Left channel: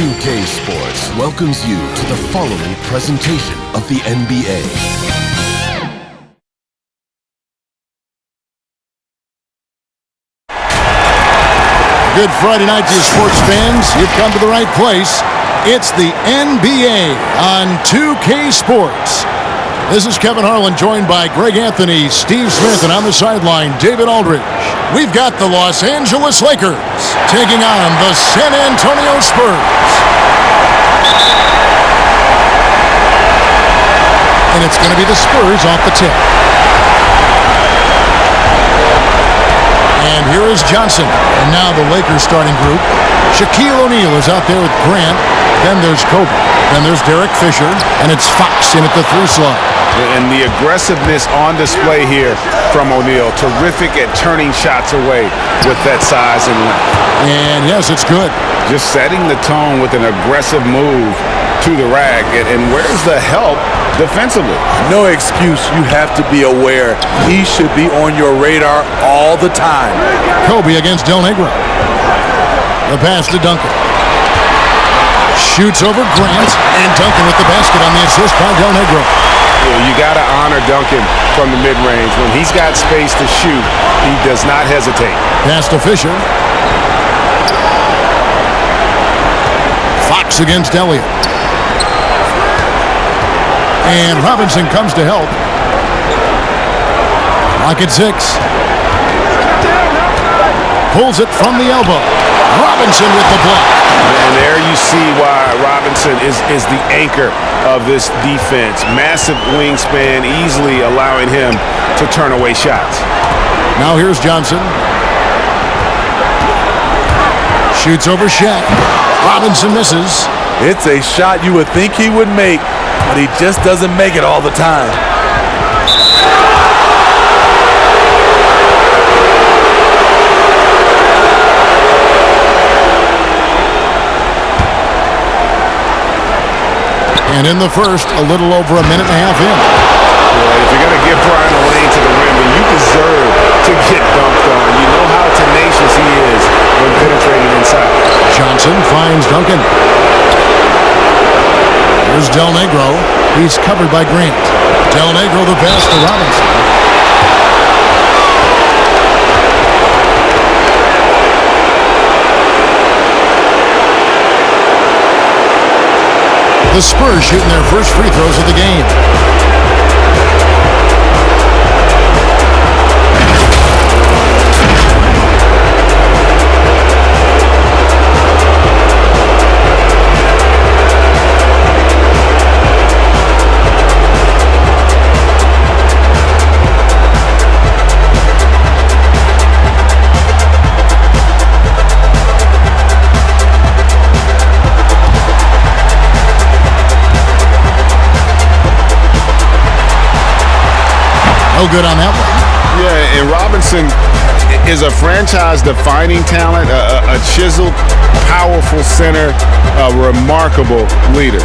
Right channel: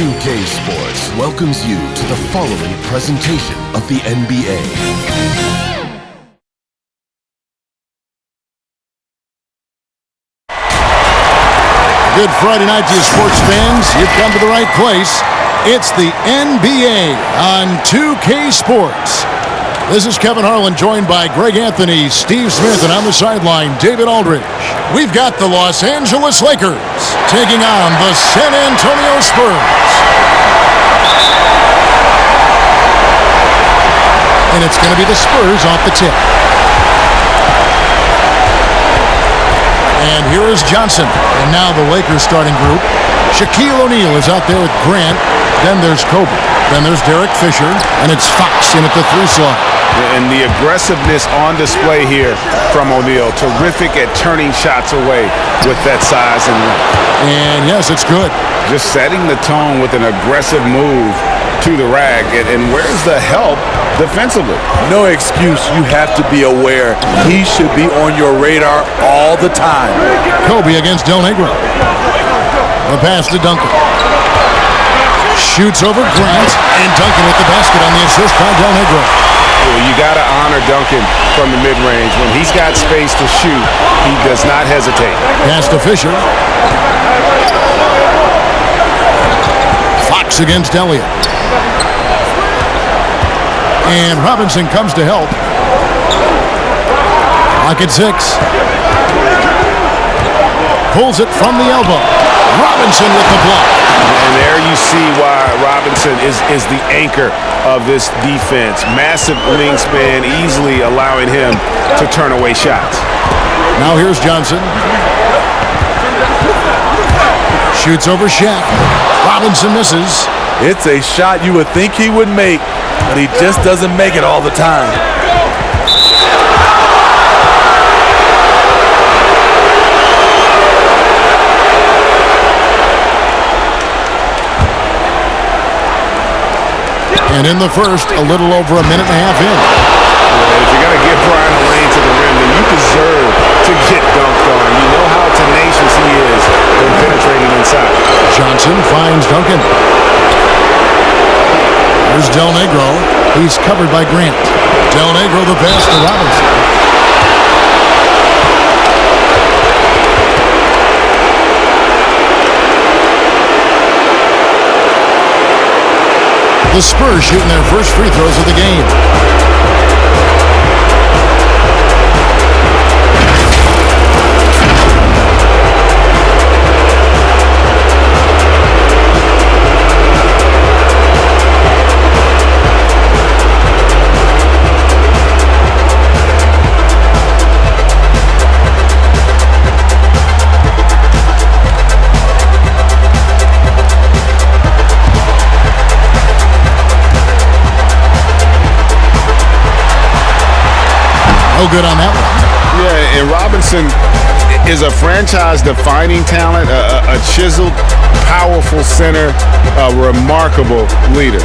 S2K Sports welcomes you to the following presentation of the NBA. Good Friday night to you sports fans. You've come to the right place. It's the NBA on 2K Sports. This is Kevin Harlan, joined by Greg Anthony, Steve Smith, and on the sideline, David Aldridge. We've got the Los Angeles Lakers taking on the San Antonio Spurs. And it's going to be the Spurs off the tip. And here is Johnson. And now the Lakers starting group. Shaquille O'Neal is out there with Grant. Then there's Kobe. Then there's Derek Fisher. And it's Fox in at the 3 slot. And the aggressiveness on display here from O'Neal. Terrific at turning shots away with that size and length. And yes, it's good. Just setting the tone with an aggressive move to the rack. And where's the help defensively? No excuse. You have to be aware. He should be on your radar all the time. Kobe against Del Negro. The pass to Duncan. Shoots over Grant. And Duncan with the basket on the assist by Del Negro. You got to honor Duncan from the mid-range. When he's got space to shoot, he does not hesitate. Pass to Fisher. Fox against Elliott. And Robinson comes to help. Clock at 6. Pulls it from the elbow. Robinson with the block. And there you see why Robinson is the anchor of this defense. Massive wingspan, easily allowing him to turn away shots. Now here's Johnson. Shoots over Shaq. Robinson misses. It's a shot you would think he would make, but he just doesn't make it all the time. And in the first, a little over a minute and a half in. Yeah, if you're going to give Brian a lane to the rim, then you deserve to get dunked on. You know how tenacious he is when penetrating inside. Johnson finds Duncan. Here's Del Negro. He's covered by Grant. Del Negro the pass to Robinson. The Spurs shooting their first free throws of the game. No good on that one. Yeah, and Robinson is a franchise-defining talent, a chiseled, powerful center, a remarkable leader.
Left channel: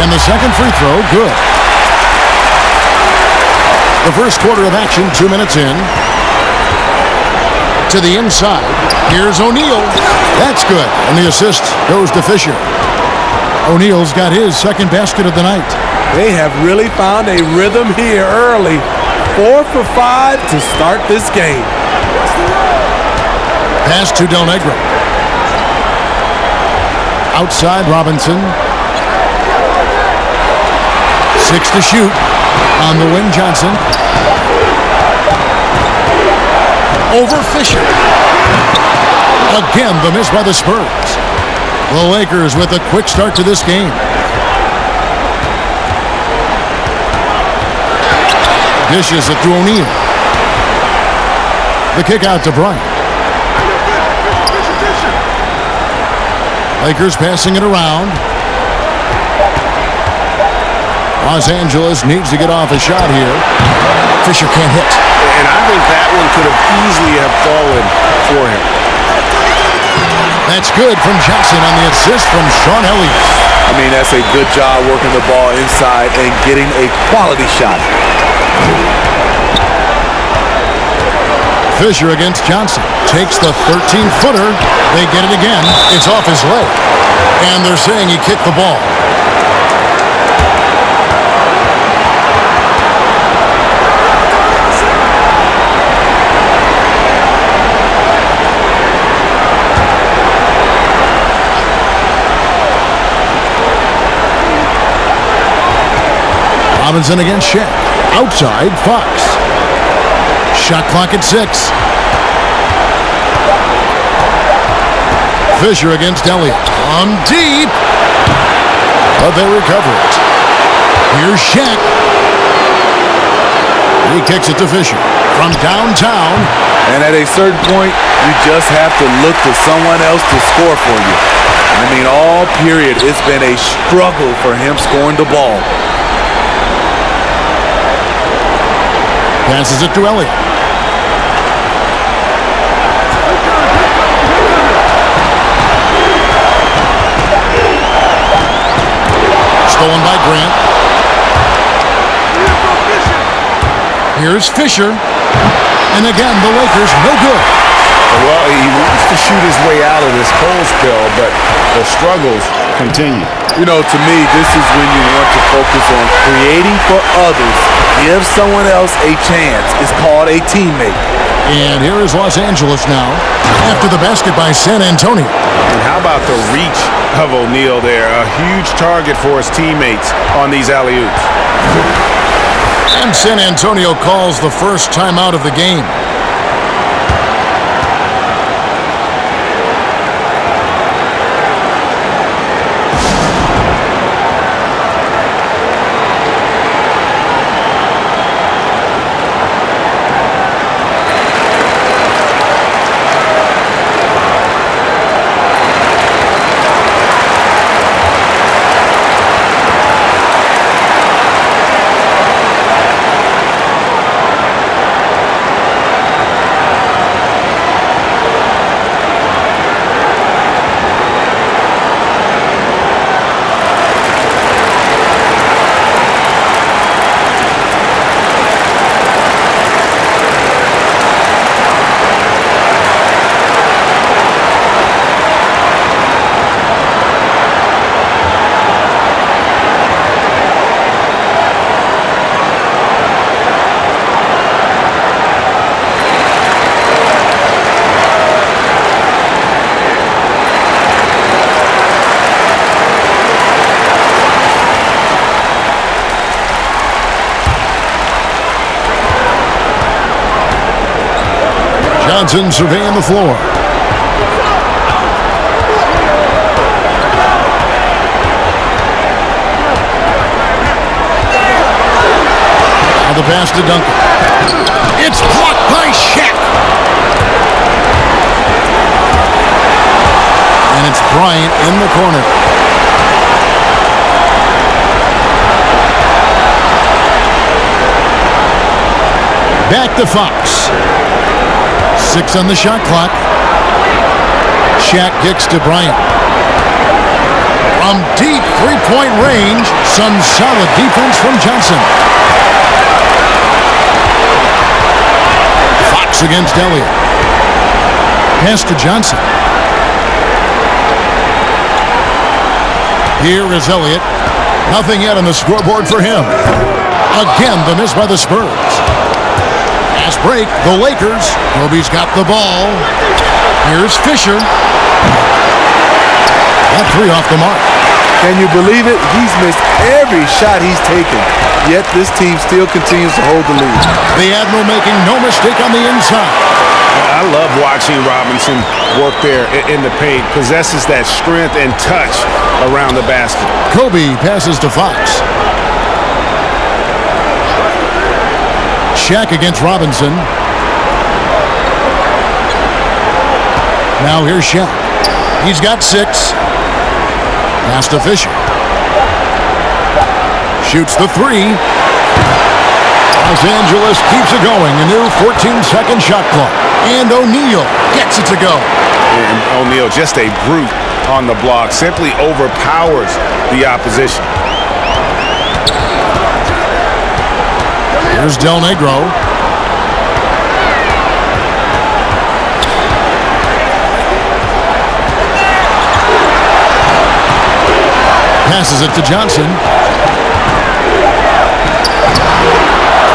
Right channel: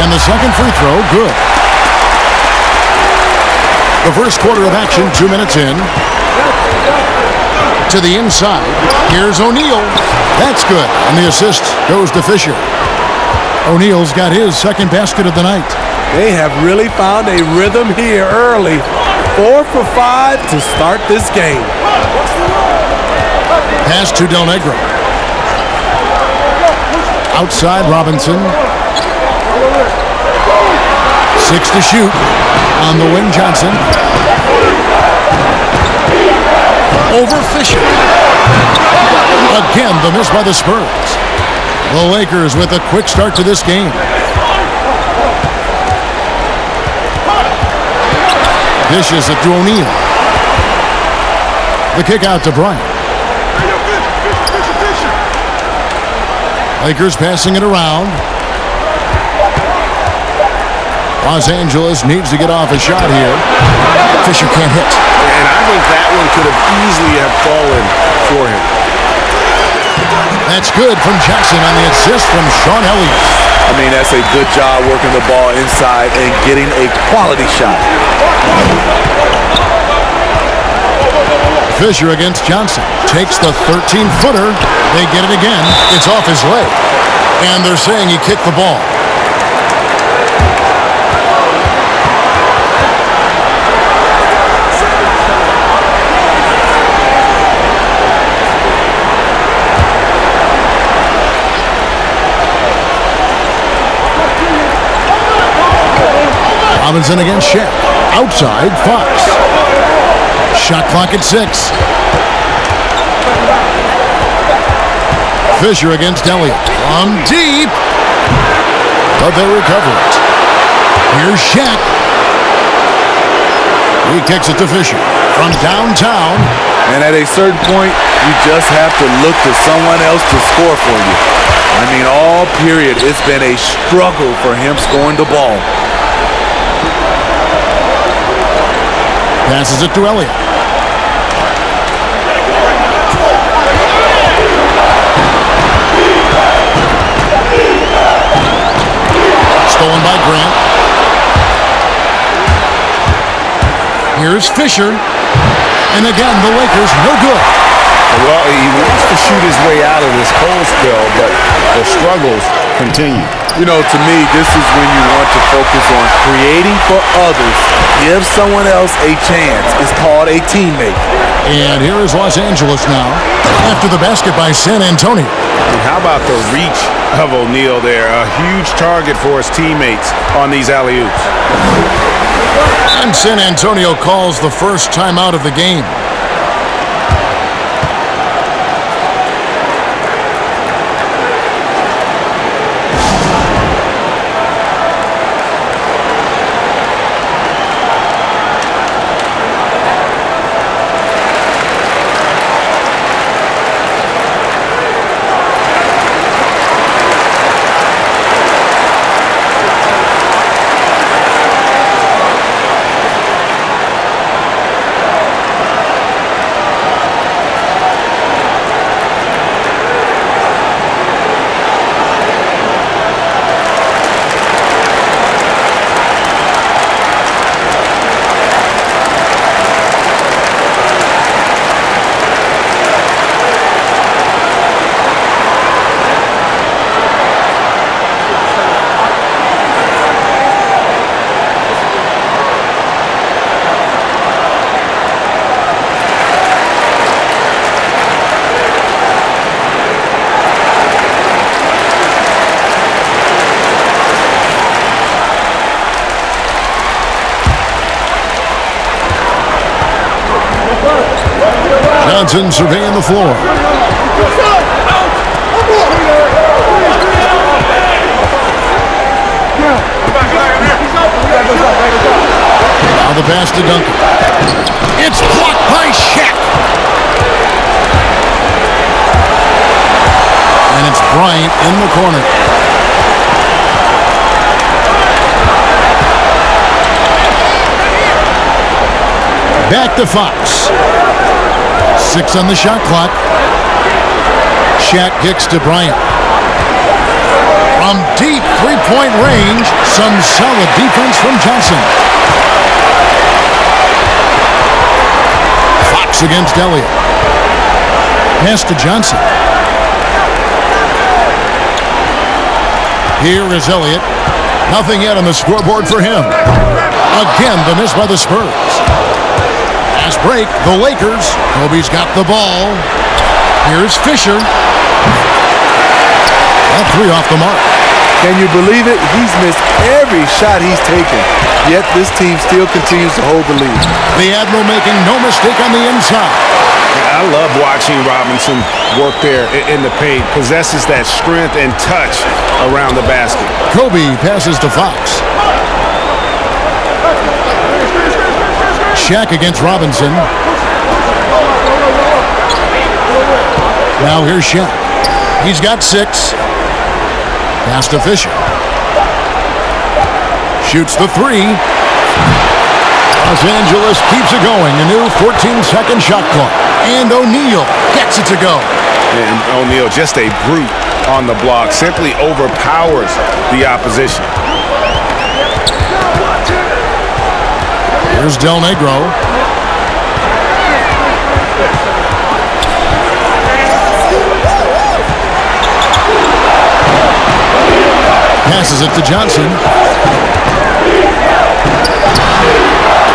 And the second free throw, good. The first quarter of action, 2 minutes in. To the inside. Here's O'Neal. That's good. And the assist goes to Fisher. O'Neal's got his second basket of the night. They have really found a rhythm here early. 4 for 5 to start this game. Pass to Del Negro. Outside Robinson. 6 to shoot. On the wing, Johnson. Over Fisher. Again, the miss by the Spurs. The Lakers with a quick start to this game. Dishes it to O'Neal. The kick out to Bryant. Lakers passing it around. Los Angeles needs to get off a shot here. Fisher can't hit. And I think that one could have easily have fallen for him. That's good from Johnson on the assist from Sean Elliott. I mean, that's a good job working the ball inside and getting a quality shot. Fisher against Johnson. Takes the 13-footer. They get it again. It's off his leg. And they're saying he kicked the ball. Robinson against Shaq. Outside, Fox. Shot clock at 6. Fisher against Elliott. From deep. But they recover it. Here's Shaq. He kicks it to Fisher. From downtown. And at a certain point, you just have to look to someone else to score for you. I mean, all period, it's been a struggle for him scoring the ball. Passes it to Elliott. Stolen by Grant. Here's Fisher. And again, the Lakers no good. Well, he wants to shoot his way out of this cold spell, but the struggles continue. You know, to me, this is when you want to focus on creating for others. Give someone else a chance. It's called a teammate. And here is Los Angeles now after the basket by San Antonio. And how about the reach of O'Neal there? A huge target for his teammates on these alley-oops. And San Antonio calls the first timeout of the game. Johnson surveying the floor. Now the pass to Duncan. It's blocked by Shaq. And it's Bryant in the corner. Back to Fox. 6 on the shot clock. Shaq kicks to Bryant. From deep three-point range, some solid defense from Johnson. Fox against Elliott. Pass to Johnson. Here is Elliott. Nothing yet on the scoreboard for him. Again, the miss by the Spurs. Fast break, the Lakers. Kobe's got the ball. Here's Fisher. That three off the mark. Can you believe it? He's missed every shot he's taken, yet this team still continues to hold the lead. The Admiral making no mistake on the inside. I love watching Robinson work there in the paint. Possesses that strength and touch around the basket. Kobe passes to Fox. Shaq against Robinson. Now here's Shaq. He's got 6. Pass to Fisher. Shoots the 3. Los Angeles keeps it going. A new 14-second shot clock. And O'Neal gets it to go. And O'Neal, just a brute on the block. Simply overpowers the opposition. Here's Del Negro. Passes it to Johnson.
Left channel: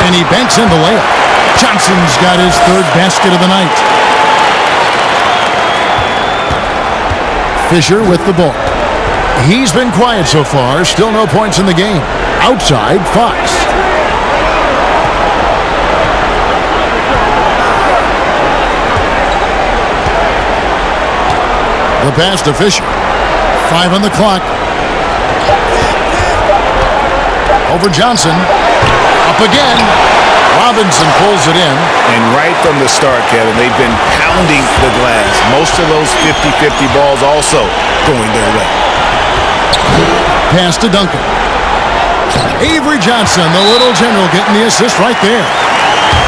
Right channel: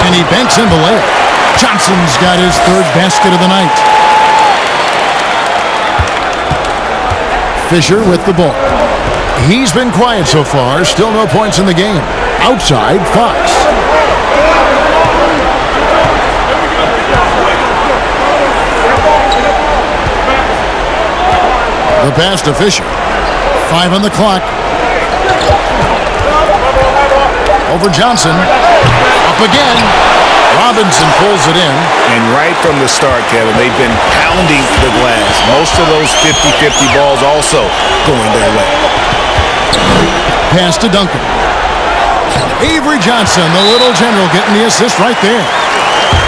And he banks in the layup. Johnson's got his third basket of the night. Fisher with the ball. He's been quiet so far. Still no points in the game. Outside, Fox. The pass to Fisher. 5 on the clock. Over Johnson. Up again. Robinson pulls it in. And right from the start, Kevin, they've been pounding the glass. Most of those 50-50 balls also going their way. Pass to Duncan. Avery Johnson, the little general, getting the assist right there.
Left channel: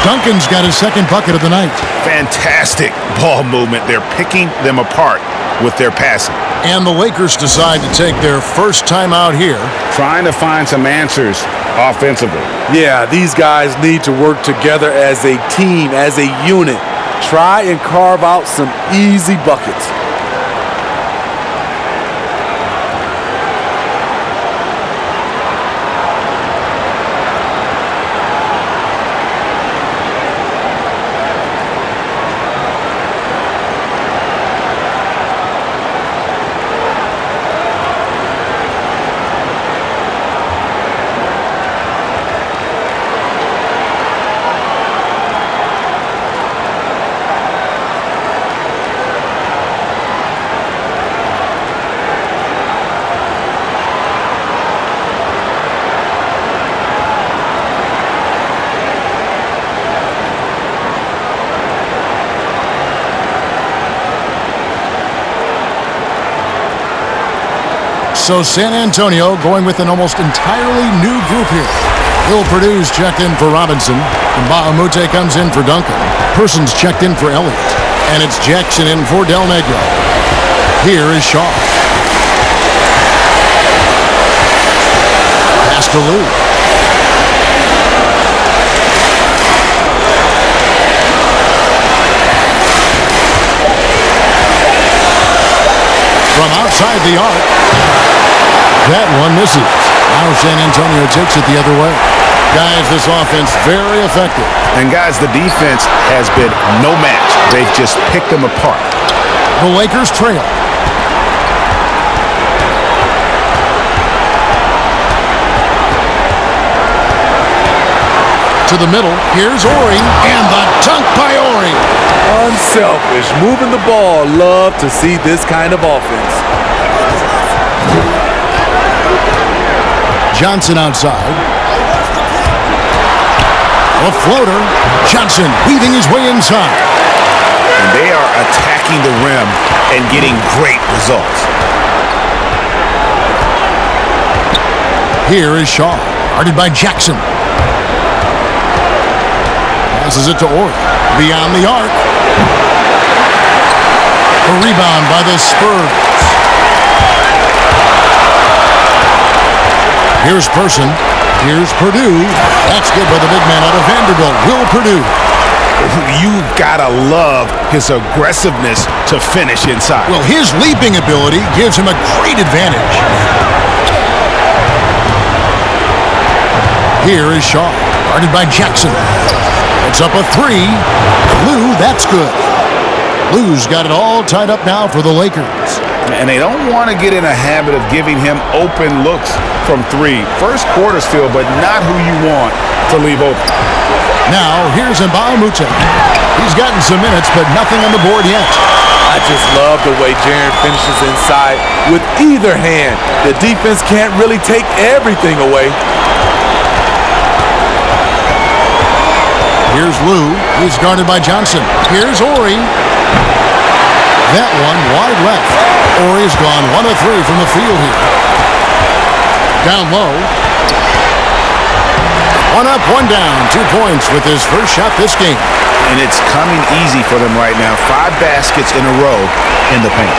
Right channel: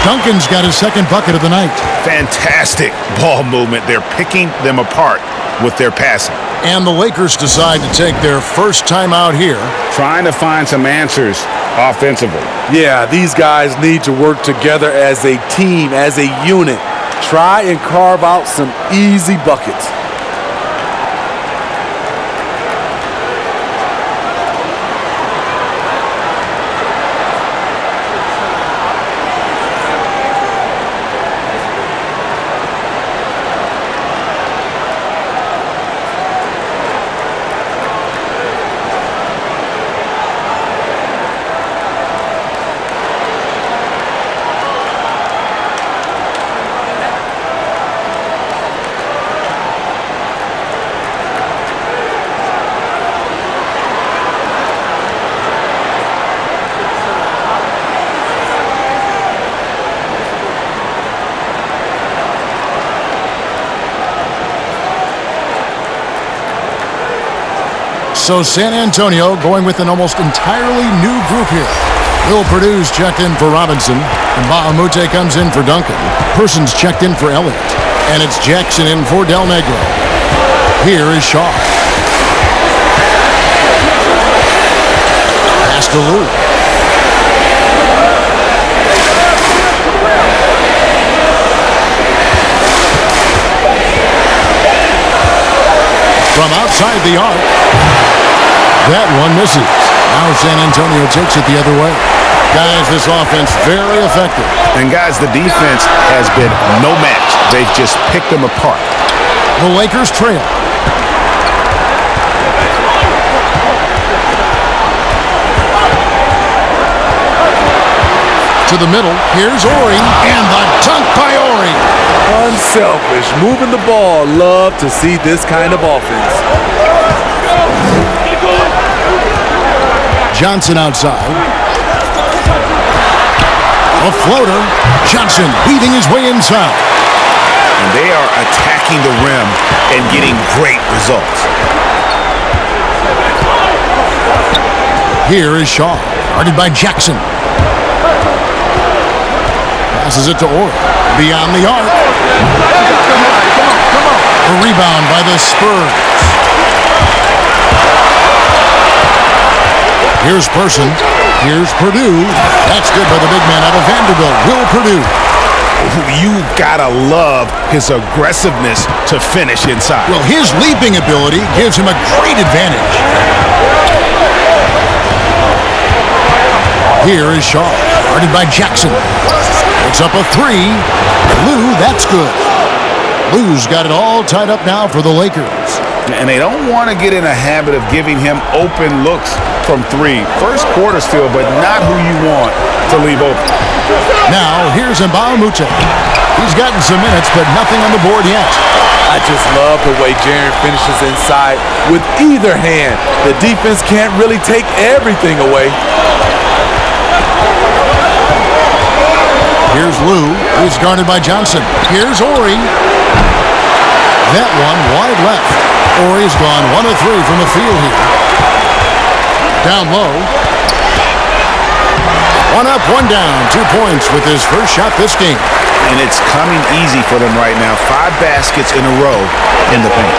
Duncan's got his second bucket of the night. Fantastic ball movement. They're picking them apart with their passing. And the Lakers decide to take their first time out here. Trying to find some answers offensively. Yeah, these guys need to work together as a team, as a unit. Try and carve out some easy buckets. So San Antonio going with an almost entirely new group here. Will Perdue's checked in for Robinson. Mbamute comes in for Duncan. Persons checked in for Elliott. And it's Jackson in for Del Negro. Here is Shaw. Pass to Lou. From outside the arc. That one misses. Now San Antonio takes it the other way. Guys, this offense very effective. And guys, the defense has been no match. They've just picked them apart. The Lakers trail. To the middle. Here's Ori. And the dunk by Ori. Unselfish, moving the ball. Love to see this kind of offense. Johnson outside. A floater. Johnson weaving his way inside. And they are attacking the rim and getting great results. Here is Shaw. Guarded by Jackson. Passes it to Ori. Beyond the arc. A rebound by the Spurs. Here's Person. Here's Perdue. That's good by the big man out of Vanderbilt, Will Perdue. You gotta love his aggressiveness to finish inside. Well, his leaping ability gives him a great advantage. Here is Shaw, guarded by Jackson. Puts up a three. Lou, that's good. Lou's got it all tied up now for the Lakers. And they don't want to get in a habit of giving him open looks from three. First quarter still, but not who you want to leave open. Now, here's Mbamute. He's gotten some minutes, but nothing on the board yet. I just love the way Jaren finishes inside with either hand. The defense can't really take everything away. Here's Lou. He's guarded by Johnson. Here's Ori. That one wide left. Ori's gone 1 of 3 from the field here. Down low. 1 up, 1 down. 2 points with his first shot this game. And it's coming easy for them right now. 5 baskets in a row in the paint.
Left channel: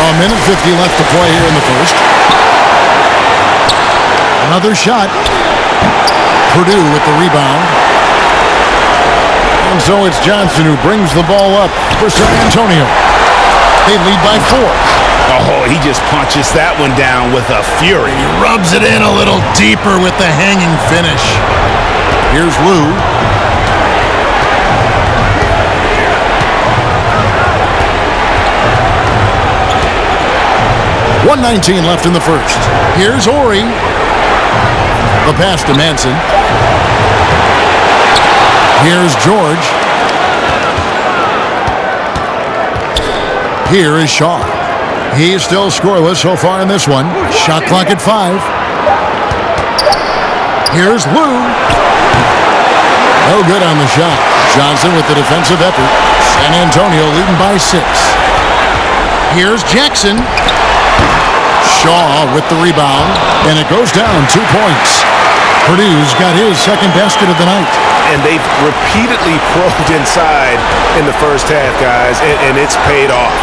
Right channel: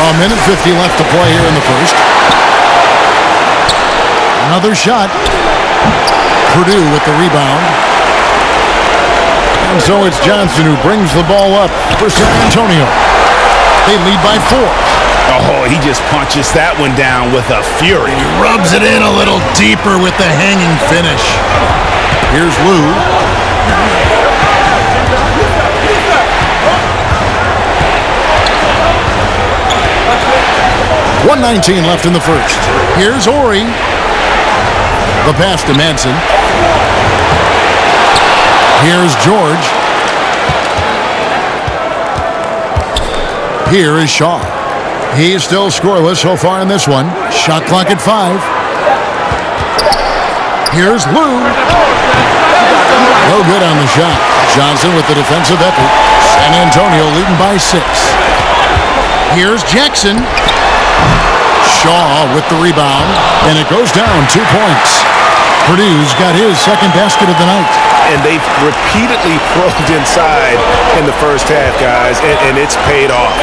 A minute 50 left to play here in the first. Another shot. Purdue with the rebound. And so it's Johnson who brings the ball up for San Antonio. They lead by 4. Oh, he just punches that one down with a fury. He rubs it in a little deeper with the hanging finish. Here's Lou. .119 left in the first. Here's Ori. The pass to Manson. Here's George. Here is Shaw. He's still scoreless so far in this one. Shot clock at 5. Here's Lou. No good on the shot. Johnson with the defensive effort. San Antonio leading by 6. Here's Jackson. Shaw with the rebound. And it goes down 2 points. Purdue's got his second basket of the night. And they've repeatedly probed inside in the first half, guys, and it's paid off.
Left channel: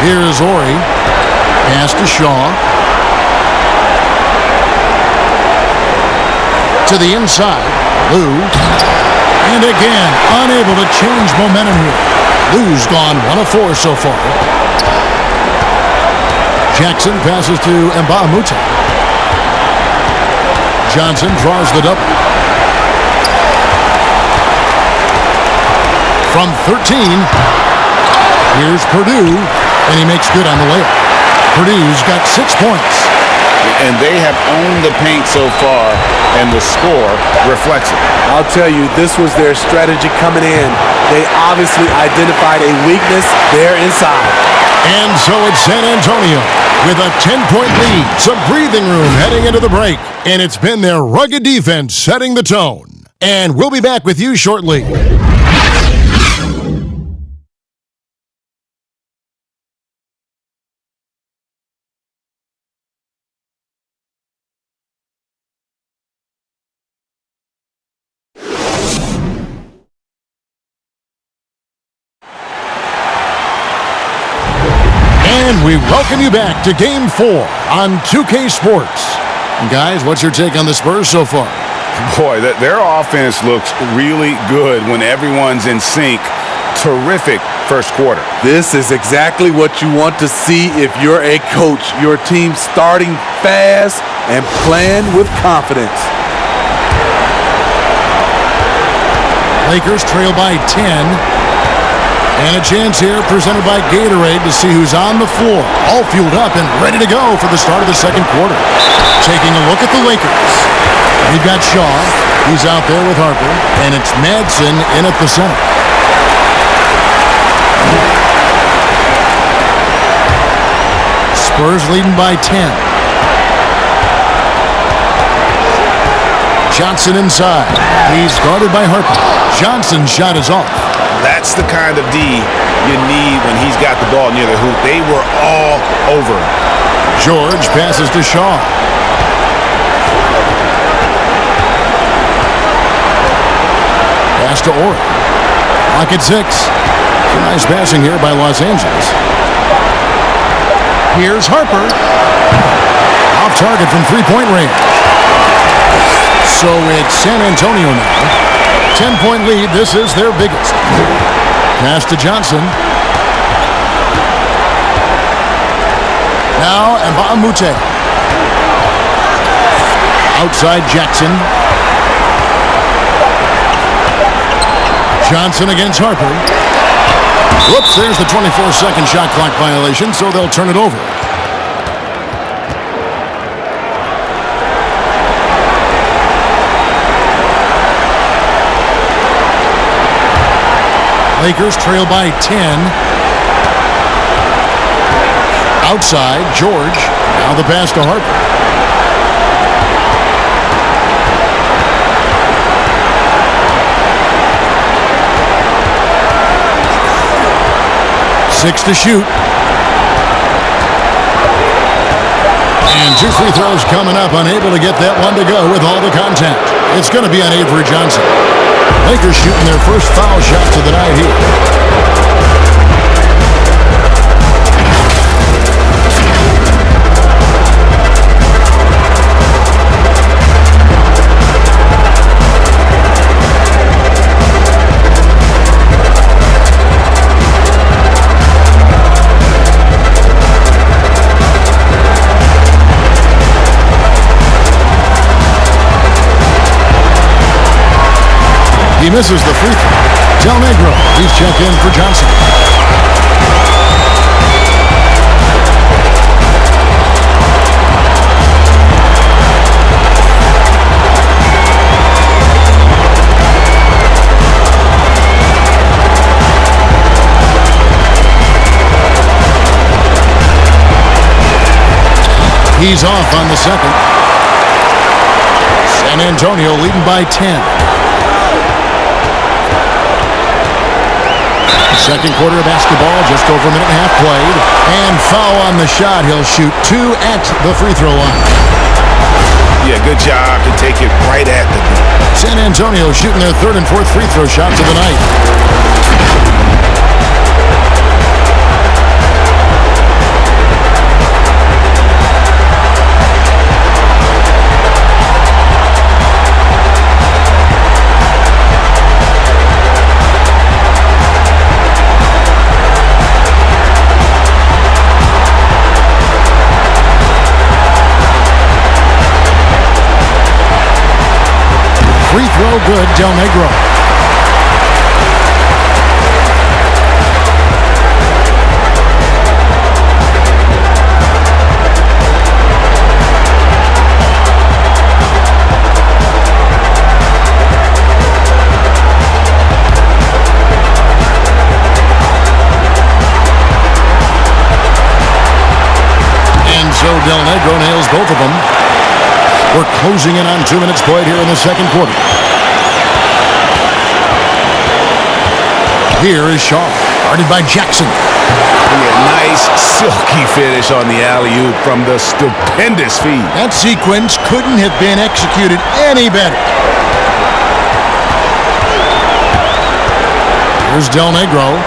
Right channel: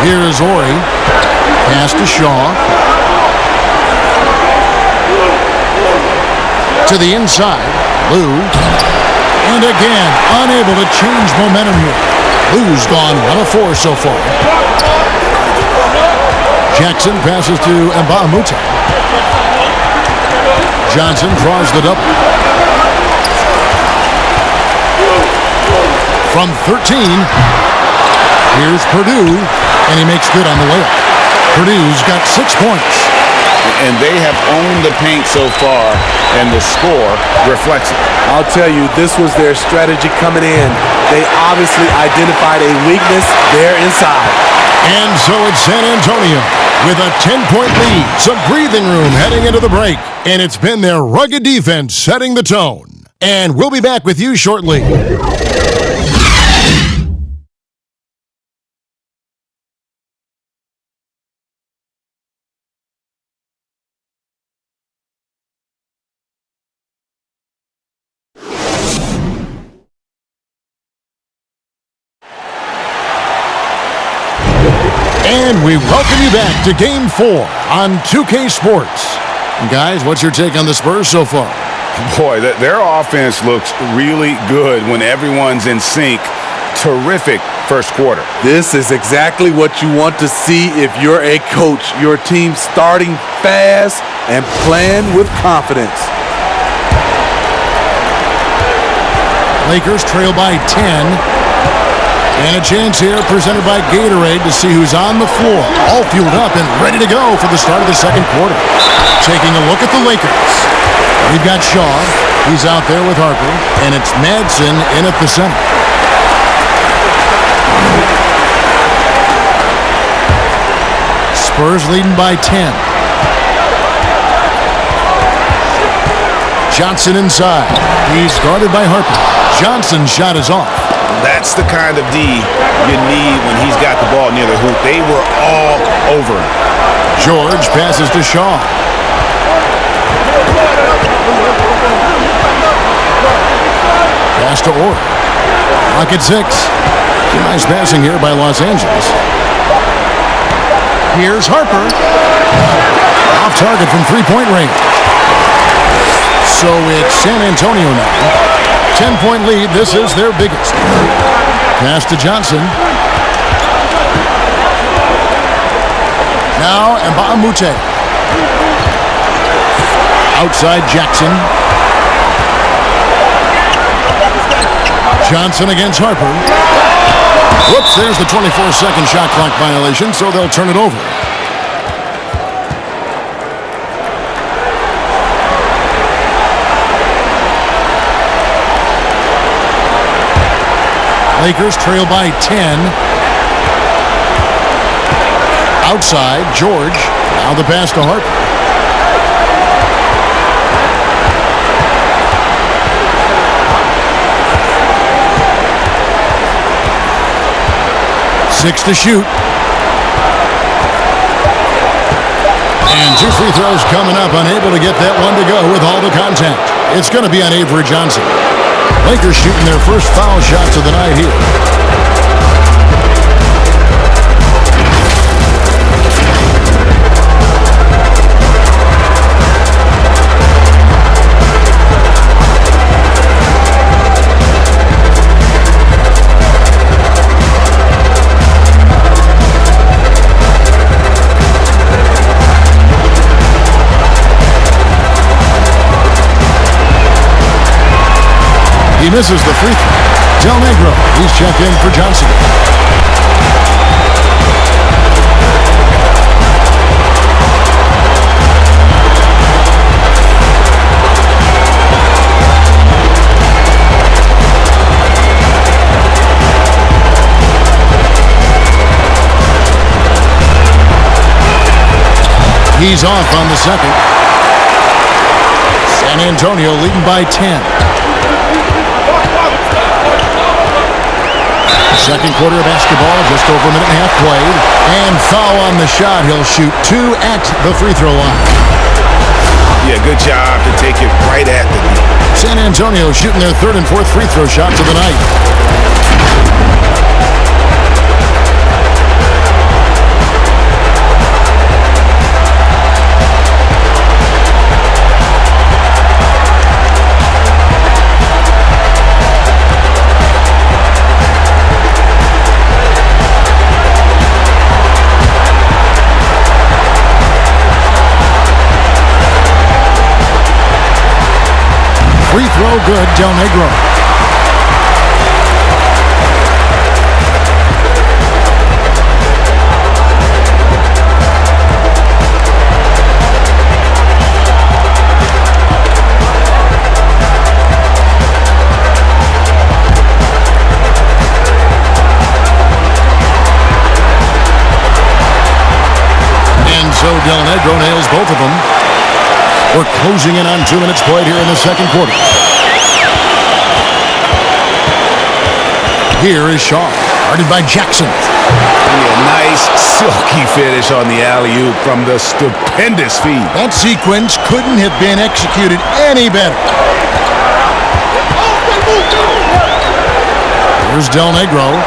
Here's Ori. Pass to Shaw. To the inside. Lou. And again, unable to change momentum here. Lou's gone 1 of 4 so far. Jackson passes to NBAPLAYOFFS. Johnson draws the double. From 13, here's Purdue, and he makes good on the layup. Purdue's got 6 points. And they have owned the paint so far, and the score reflects it. I'll tell you, this was their strategy coming in. They obviously identified a weakness there inside. And so it's San Antonio with a 10-point lead. Some breathing room heading into the break. And it's been their rugged defense setting the tone. And we'll be back with you shortly. And we welcome you back to Game 4 on 2K Sports. And guys, what's your take on the Spurs so far? Boy, their offense looks really good when everyone's in sync. Terrific first quarter. This is exactly what you want to see if you're a coach. Your team starting fast and playing with confidence. Lakers trail by 10. And a chance here presented by Gatorade to see who's on the floor. All fueled up and ready to go for the start of the second quarter. Taking a look at the Lakers. We've got Shaw. He's out there with Harper. And it's Madsen in at the center. Spurs leading by 10. Johnson inside. He's guarded by Harper. Johnson's shot is off. That's the kind of D you need when he's got the ball near the hoop. They were all over him. George passes to Shaw. Pass to Ori. Clock at 6. Some nice passing here by Los Angeles. Here's Harper. Off target from three-point range. So it's San Antonio now. 10-point lead. This is their biggest. Pass to Johnson. Now NBAPLAYOFFS. Outside Jackson. Johnson against Harper. Whoops, there's the 24-second shot clock violation, so they'll turn it over. Lakers trail by 10. Outside, George. Now the pass to Harper. Six to shoot. And 2 free throws coming up. Unable to get that one to go with all the contact. It's going to be on Avery Johnson. Lakers shooting their first foul shots of the night here. misses the free throw. Del Negro, he's checked in for Johnson. He's off on the second. San Antonio leading by 10. Second quarter of basketball, just over a minute and a half played. And foul on the shot. He'll shoot 2 at the free throw line. Yeah, good job to take it right at the D. San Antonio shooting their third and fourth free throw shots of the night. Free throw good, Del Negro. And so Del Negro nails both of them. We're closing in on 2 minutes played here in the second quarter. Here is Shaw, guarded by Jackson. Yeah, nice silky finish on the alley-oop from the stupendous feed. That sequence couldn't have been executed any better. Here's Del Negro.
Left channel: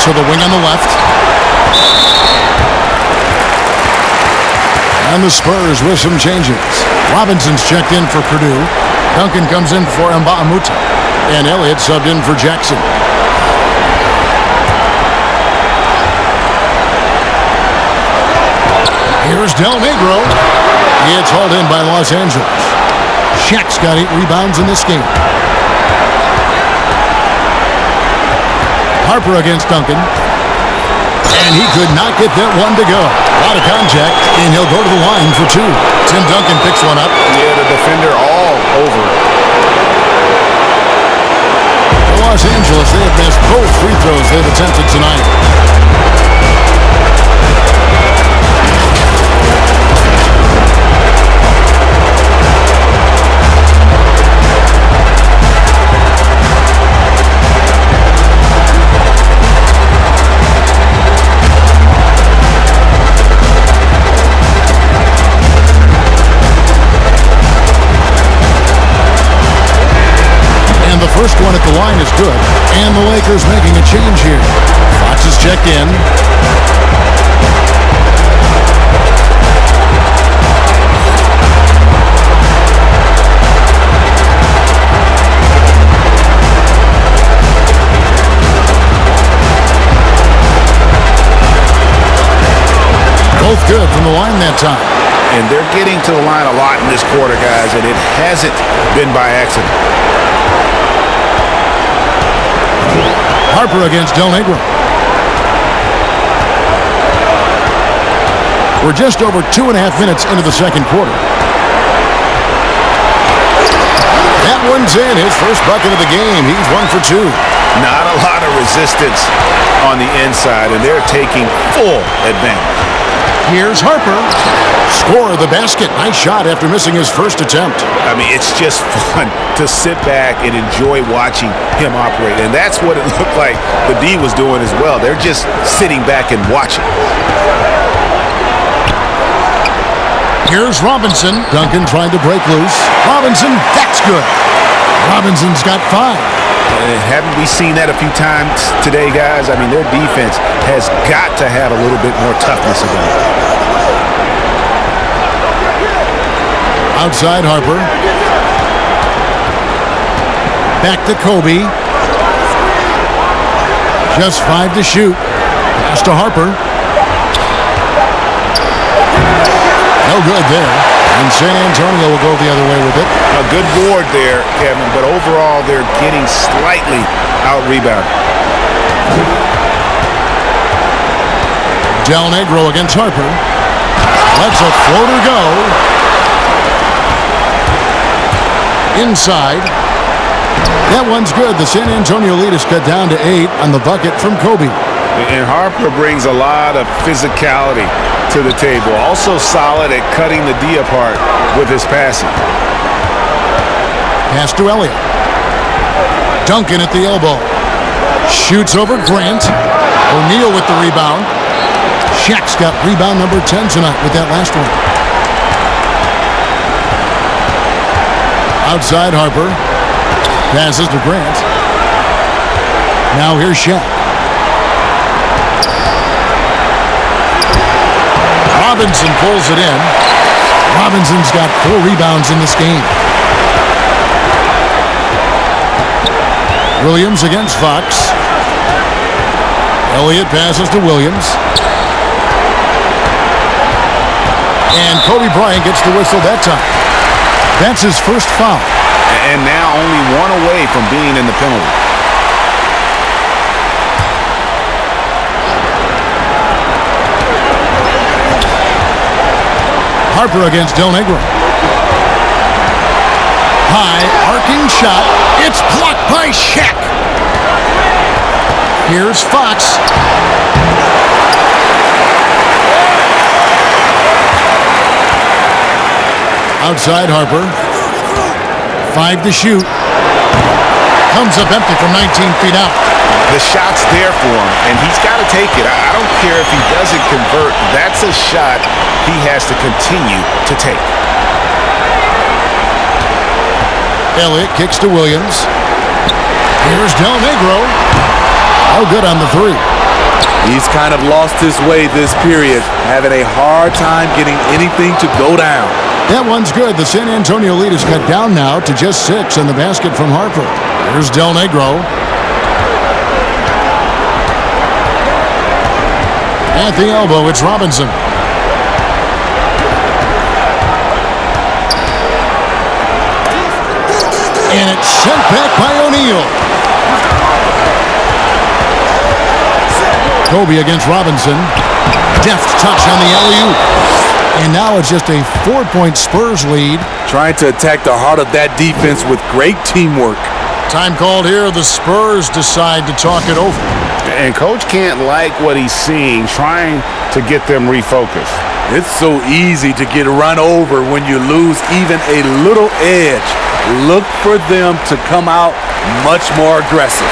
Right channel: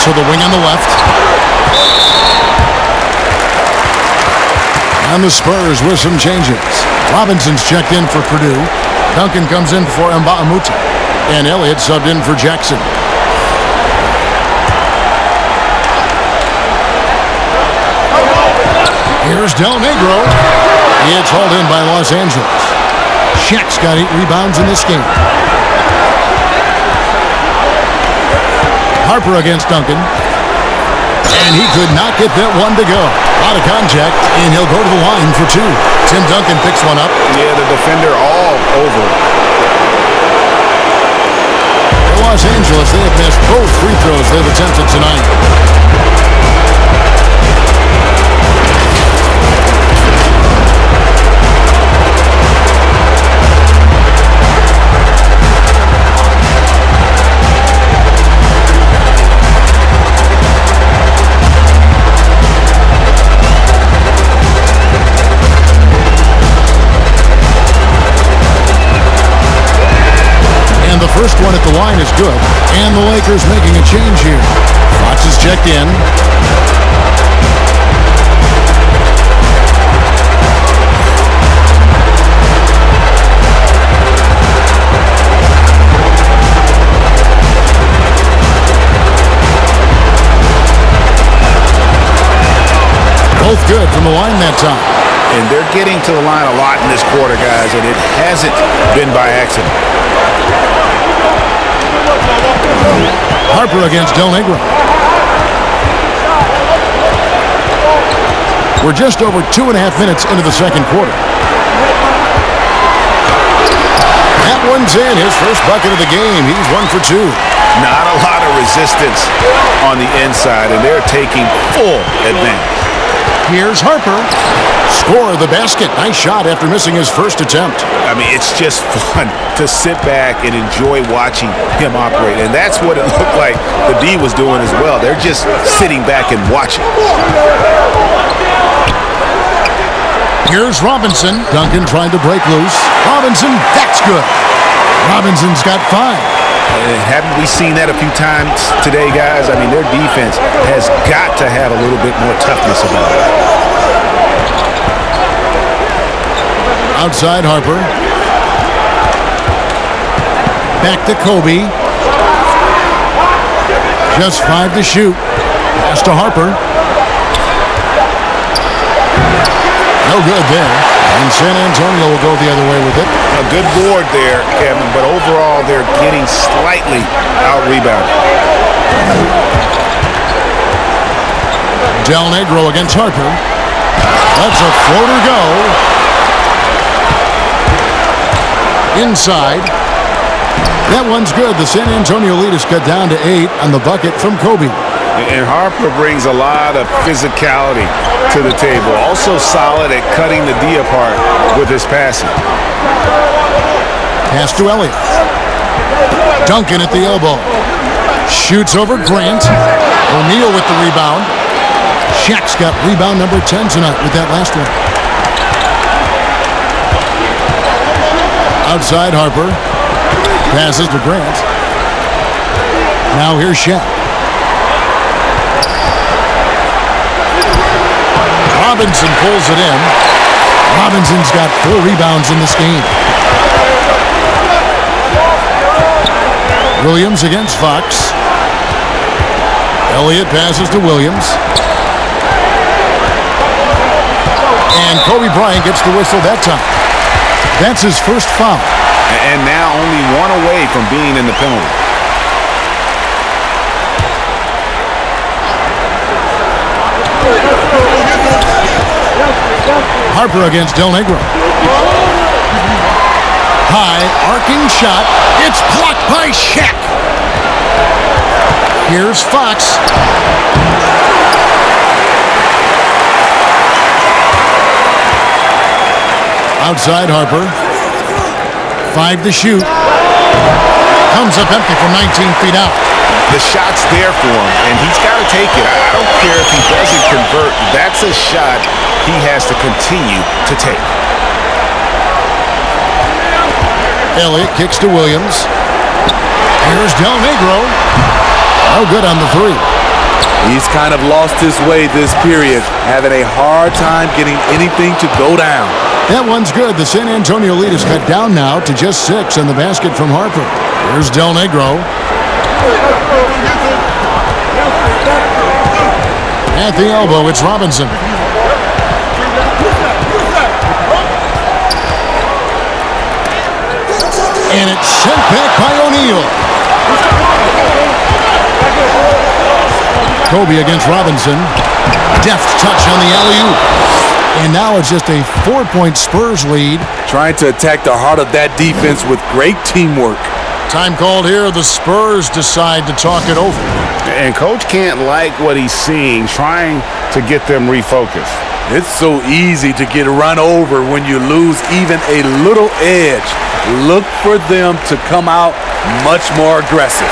To the wing on the left. And the Spurs with some changes. Robinson's checked in for Purdue. Duncan comes in for Mbaamuta. And Elliott subbed in for Jackson. Here's Del Negro. It's hauled in by Los Angeles. Shaq's got 8 rebounds in this game. Harper against Duncan. And he could not get that one to go. A lot of contact, and he'll go to the line for 2. Tim Duncan picks one up. Yeah, the defender all over it. For Los Angeles, they have missed both free throws they've attempted tonight. The first one at the line is good, and the Lakers making a change here. Fox is checked in. Both good from the line that time. And they're getting to the line a lot in this quarter, guys, and it hasn't been by accident. Harper against Del Negro. We're just over 2.5 minutes into the second quarter. That one's in, his first bucket of the game. He's 1 for 2. Not a lot of resistance on the inside, and they're taking full advantage. Here's Harper. Score the basket. Nice shot after missing his first attempt. I mean, it's just fun to sit back and enjoy watching him operate. And that's what it looked like the D was doing as well. They're just sitting back and watching. Here's Robinson. Duncan trying to break loose. Robinson, that's good. Robinson's got 5. And haven't we seen that a few times today, guys? I mean, their defense has got to have a little bit more toughness about it. Outside Harper. Back to Kobe. Just 5 to shoot. Pass to Harper. No good there. And San Antonio will go the other way with it. A good board there, Kevin, but overall they're getting slightly out-rebounded. Del Negro against Harper. Lets a floater go. Inside. That one's good. The San Antonio lead is cut down to 8 on the bucket from Kobe. And Harper brings a lot of physicality to the table. Also solid at cutting the D apart with his passing. Pass to Elliott. Duncan at the elbow. Shoots over Grant. O'Neal with the rebound. Shaq's got rebound number 10 tonight with that last one. Outside Harper. Passes to Grant. Now here's Shaq. Robinson pulls it in. Robinson's got 4 rebounds in this game. Williams against Fox. Elliott passes to Williams. And Kobe Bryant gets the whistle that time. That's his first foul. And now only one away from being in the penalty. Harper against Del Negro. High, arcing shot. It's blocked by Shaq. Here's Fox. Outside Harper. 5 to shoot. Comes up empty from 19 feet out. The shot's there for him, and he's got to take it. I don't care if he doesn't convert. That's a shot he has to continue to take. Elliott kicks to Williams. Here's Del Negro. Oh, good on the 3. He's kind of lost his way this period, having a hard time getting anything to go down. That one's good. The San Antonio lead is cut down now to just 6 on the basket from Harper. Here's Del Negro. At the elbow, it's Robinson. And it's sent back by O'Neal. Kobe against Robinson. Deft touch on the alley-oop. And now it's just a 4-point Spurs lead. Trying to attack the heart of that defense with great teamwork. Time called here. The Spurs decide to talk it over. And Coach can't like what he's seeing, trying to get them refocused. It's so easy to get run over when you lose even a little edge. Look for them to come out much more aggressive.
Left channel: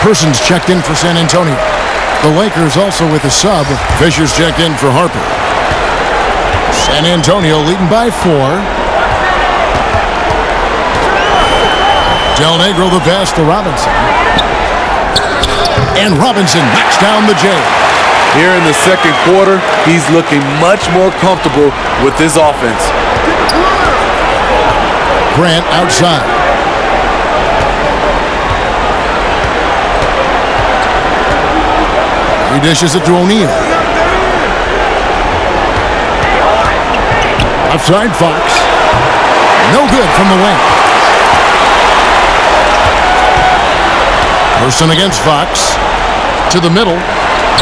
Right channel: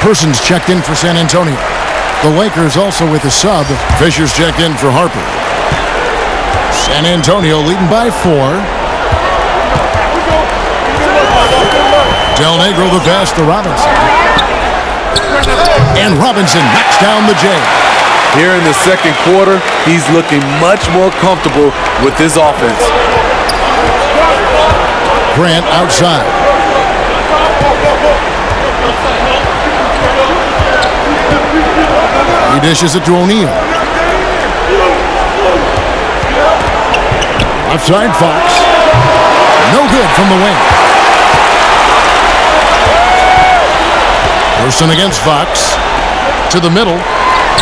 Persons checked in for San Antonio. The Lakers also with a sub. Fisher's checked in for Harper. San Antonio leading by 4. Del Negro the pass to Robinson. And Robinson knocks down the J. Here in the second quarter, he's looking much more comfortable with his offense. Grant outside. He dishes it to O'Neal. Outside Fox. No good from the wing. Person against Fox. To the middle.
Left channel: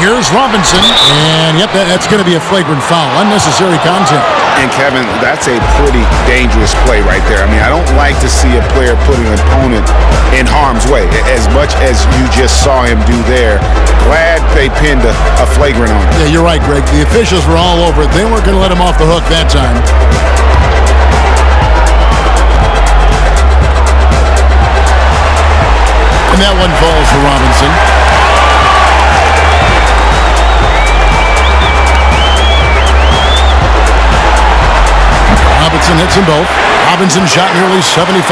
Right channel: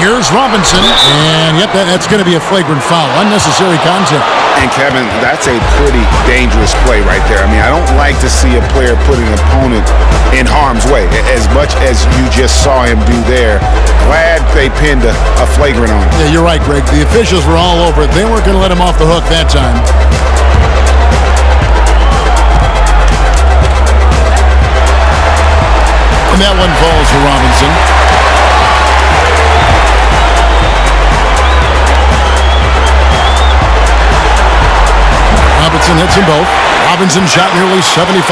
Here's Robinson. And, yep, that's going to be a flagrant foul. Unnecessary contact. And Kevin, that's a pretty dangerous play right there. I mean, I don't like to see a player put an opponent in harm's way, as much as you just saw him do there. Glad they pinned a flagrant on him. Yeah, you're right, Greg. The officials were all over it. They weren't going to let him off the hook that time. And that one falls for Robinson. Robinson hits them both. Robinson shot nearly 75%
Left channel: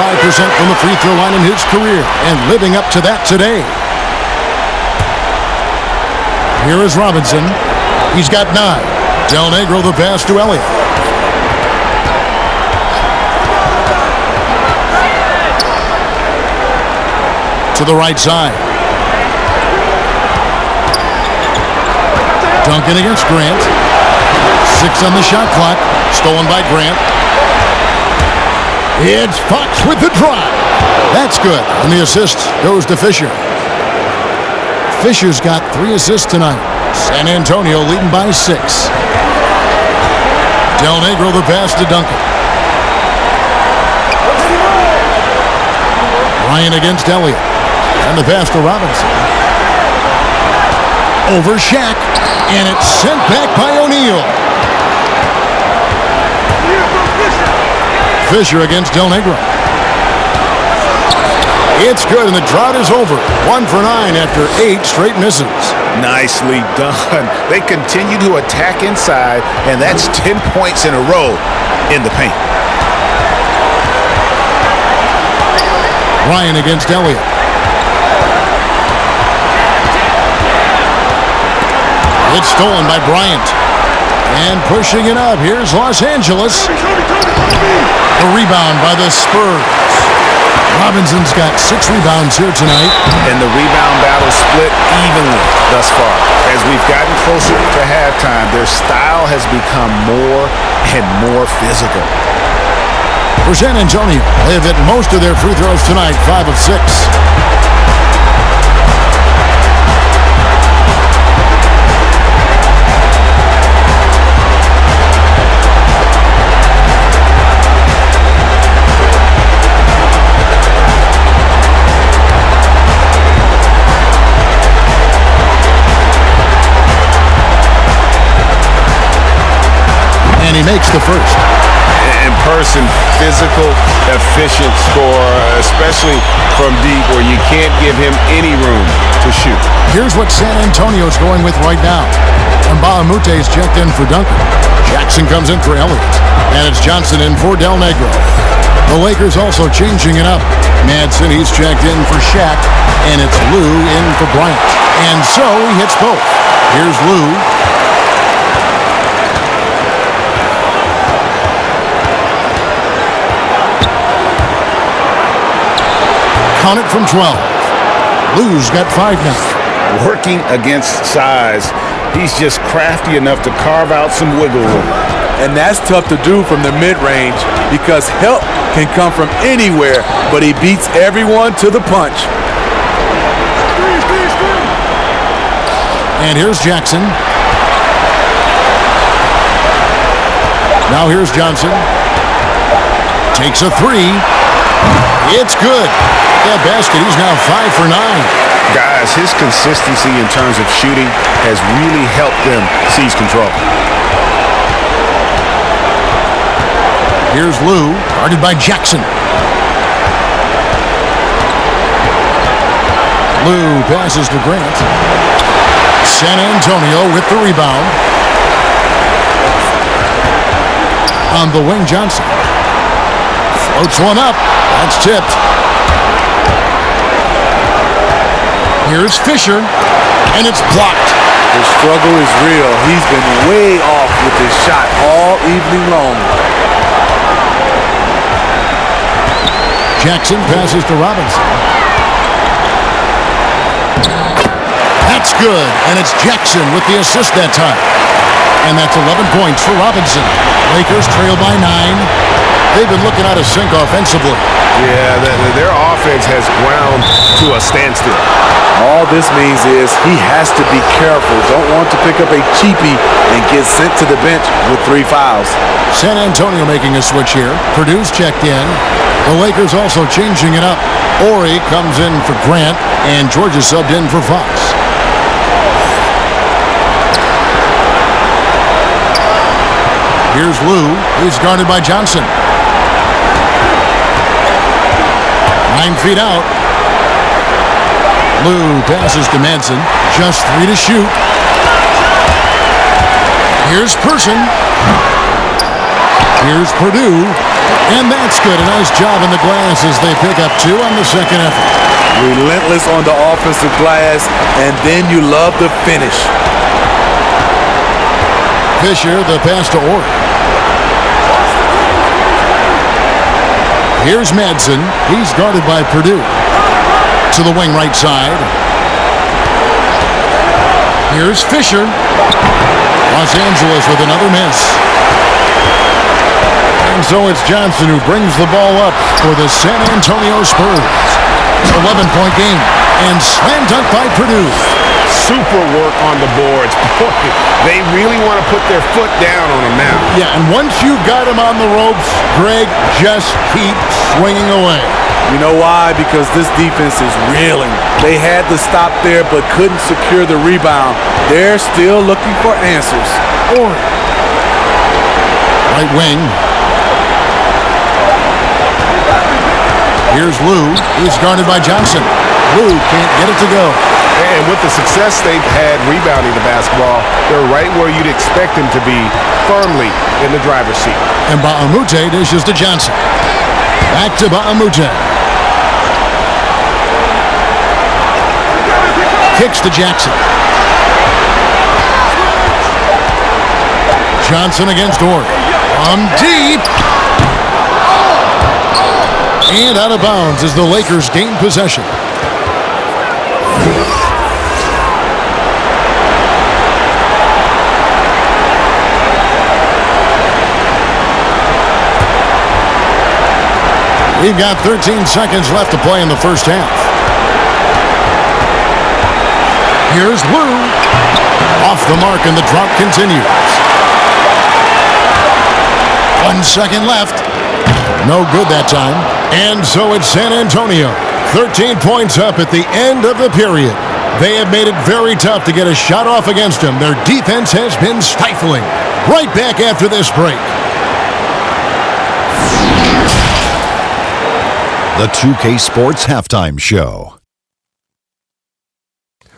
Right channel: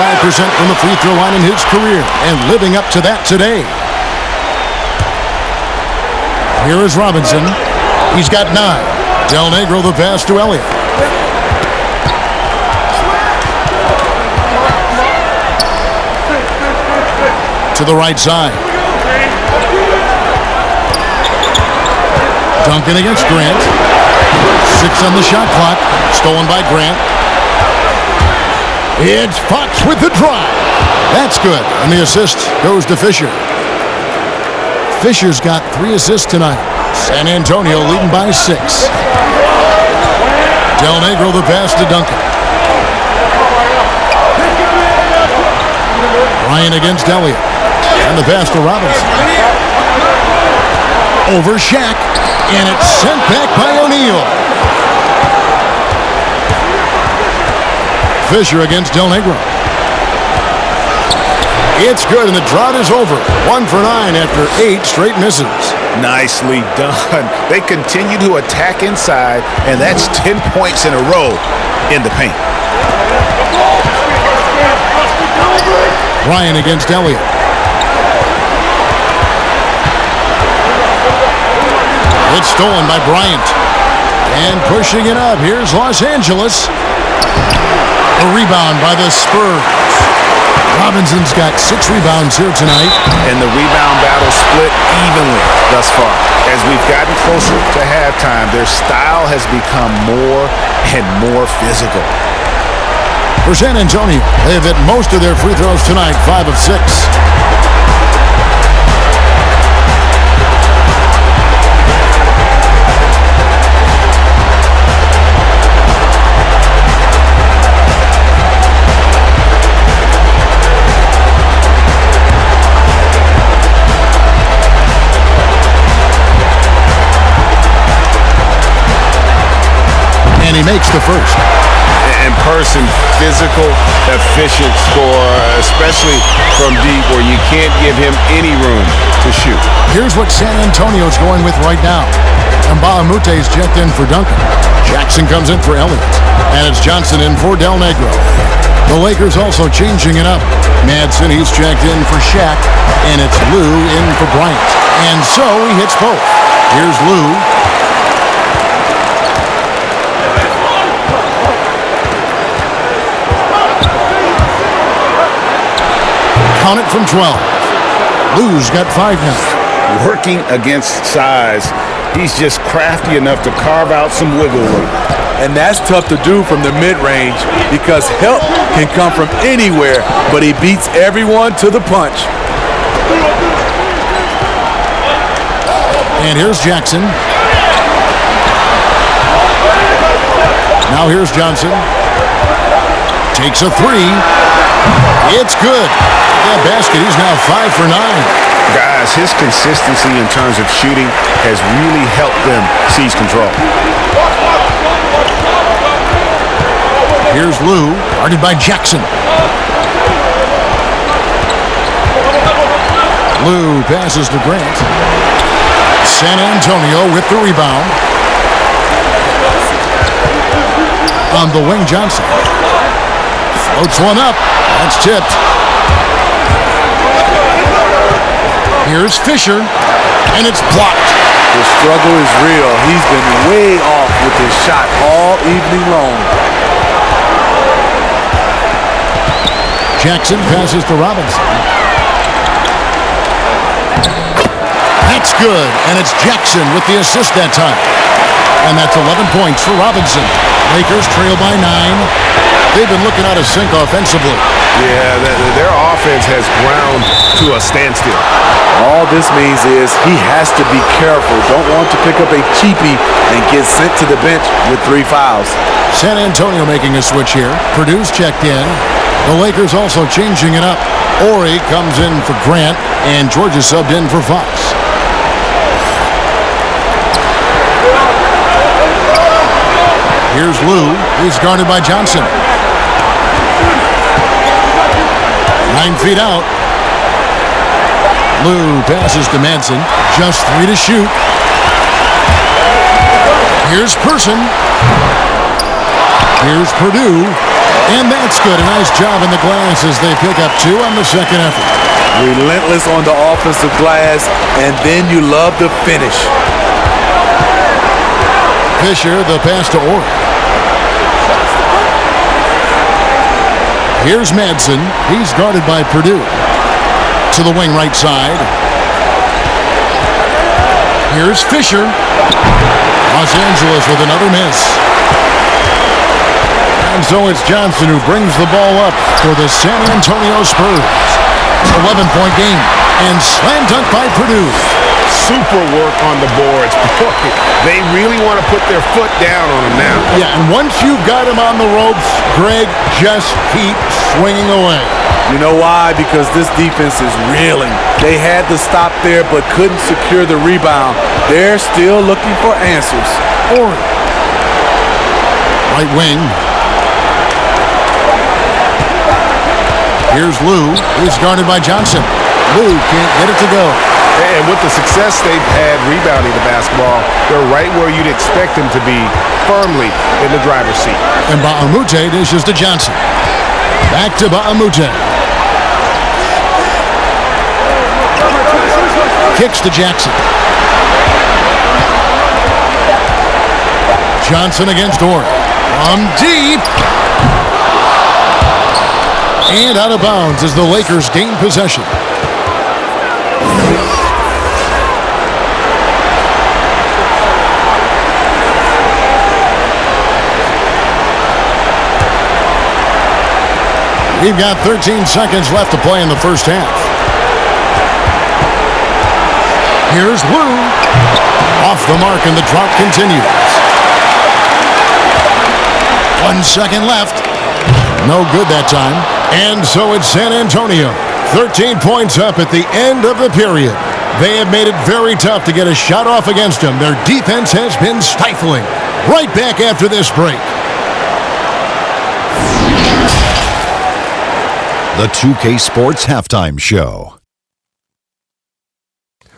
from the free throw line in his career and living up to that today. Here is Robinson. He's got 9. Del Negro the pass to Elliott. To the right side. Duncan against Grant. 6 on the shot clock. Stolen by Grant. It's Fox with the drive. That's good. And the assist goes to Fisher. Fisher's got 3 assists tonight. San Antonio leading by 6. Del Negro the pass to Duncan. Bryant against Elliott. And the pass to Robinson. Over Shaq. And it's sent back by O'Neal. Fisher against Del Negro. It's good, and the drought is over. 1 for 9 after 8 straight misses. Nicely done. They continue to attack inside, and that's 10 points in a row in the paint. Ryan against Elliott. It's stolen by Bryant. And pushing it up, here's Los Angeles. The rebound by the Spurs. Robinson's got 6 rebounds here tonight. And the rebound battle split evenly thus far. As we've gotten closer to halftime, their style has become more and more physical. For San Antonio, they have hit most of their free throws tonight, 5 of 6. And he makes the first. In person, physical, efficient scorer, especially from deep where you can't give him any room to shoot. Here's what San Antonio's going with right now. Mbaamute's checked in for Duncan. Jackson comes in for Elliott. And it's Johnson in for Del Negro. The Lakers also changing it up. Madsen, he's checked in for Shaq. And it's Lou in for Bryant. And so he hits both. Here's Lou. Count it from 12. Lou's got 5 now. Working against size, he's just crafty enough to carve out some wiggle room. And that's tough to do from the mid-range because help can come from anywhere, but he beats everyone to the punch. And here's Jackson. Now here's Johnson. Takes a 3. It's good. That basket, he's now 5 for 9. Guys, his consistency in terms of shooting has really helped them seize control. Here's Lou, guarded by Jackson. Lou passes to Grant. San Antonio with the rebound. On the wing, Johnson. Floats one up. That's tipped. Here's Fisher, and it's blocked. The struggle is real. He's been way off with his shot all evening long. Jackson passes to Robinson. That's good, and it's Jackson with the assist that time. And that's 11 points for Robinson. Lakers trail by 9. They've been looking out of sync offensively. Yeah, their offense defense has ground to a standstill. All this means is he has to be careful. Don't want to pick up a cheapie and get sent to the bench with 3 fouls. San Antonio making a switch here. Purdue's checked in. The Lakers also changing it up. Ori comes in for Grant, and Georgia subbed in for Fox. Here's Lou. He's guarded by Johnson. 9 feet out. Lou passes to Manson. Just 3 to shoot. Here's Person. Here's Purdue. And that's good. A nice job in the glass as they pick up 2 on the second effort. Relentless on the offensive glass, and then you love the finish. Fisher, the pass to Ori. Here's Madsen. He's guarded by Purdue. To the wing right side. Here's Fisher. Los Angeles with another miss. And so it's Johnson who brings the ball up for the San Antonio Spurs. 11-point game. And slam dunk by Purdue. Super work on the boards. Boy, they really want to put their foot down on them now. Yeah, and once you've got him on the ropes, Greg, just keep swinging away. You know why? Because this defense is reeling. They had to stop there but couldn't secure the rebound. They're still looking for answers. Ori. Right wing. Here's Lou. He's guarded by Johnson. Lou can't get it to go. And with the success they've had rebounding the basketball, they're right where you'd expect them to be, firmly in the driver's seat. And Ba'amute dishes to Johnson. Back to Ba'amute. Kicks to Jackson. Johnson against Ori. From deep. And out of bounds as the Lakers gain possession. We've got 13 seconds left to play in the first half. Here's Lou. Off the mark and the drought continues. 1 second left. No good that time. And so it's San Antonio. 13 points up at the end of the period. They have made it very tough to get a shot off against them. Their defense has been stifling. Right back after this break. The 2K Sports Halftime Show.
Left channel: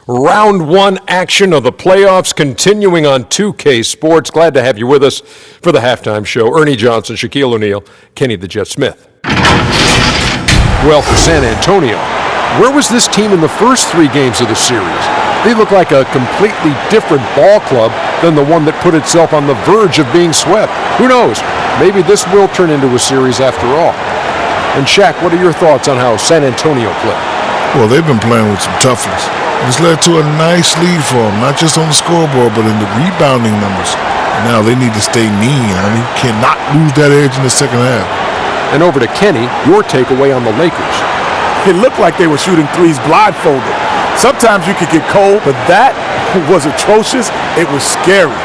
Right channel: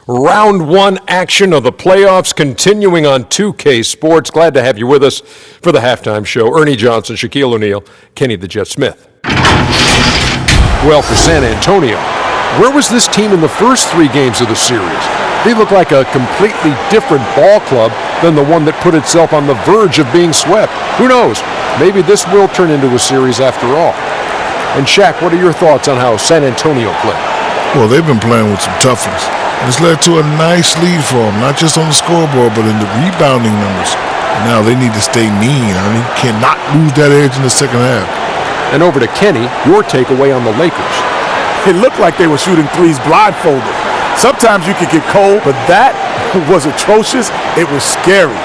Round 1 action of the playoffs continuing on 2K Sports. Glad to have you with us for the halftime show. Ernie Johnson, Shaquille O'Neal, Kenny the Jet Smith. Well, for San Antonio, where was this team in the first 3 games of the series? They look like a completely different ball club than the one that put itself on the verge of being swept. Who knows? Maybe this will turn into a series after all. And Shaq, what are your thoughts on how San Antonio played? Well, they've been playing with some toughness. And it's led to a nice lead for them, not just on the scoreboard, but in the rebounding numbers. And now they need to stay mean. I mean, cannot lose that edge in the second half. And over to Kenny, your takeaway on the Lakers. It looked like they were shooting threes blindfolded. Sometimes you could get cold, but that was atrocious. It was scary.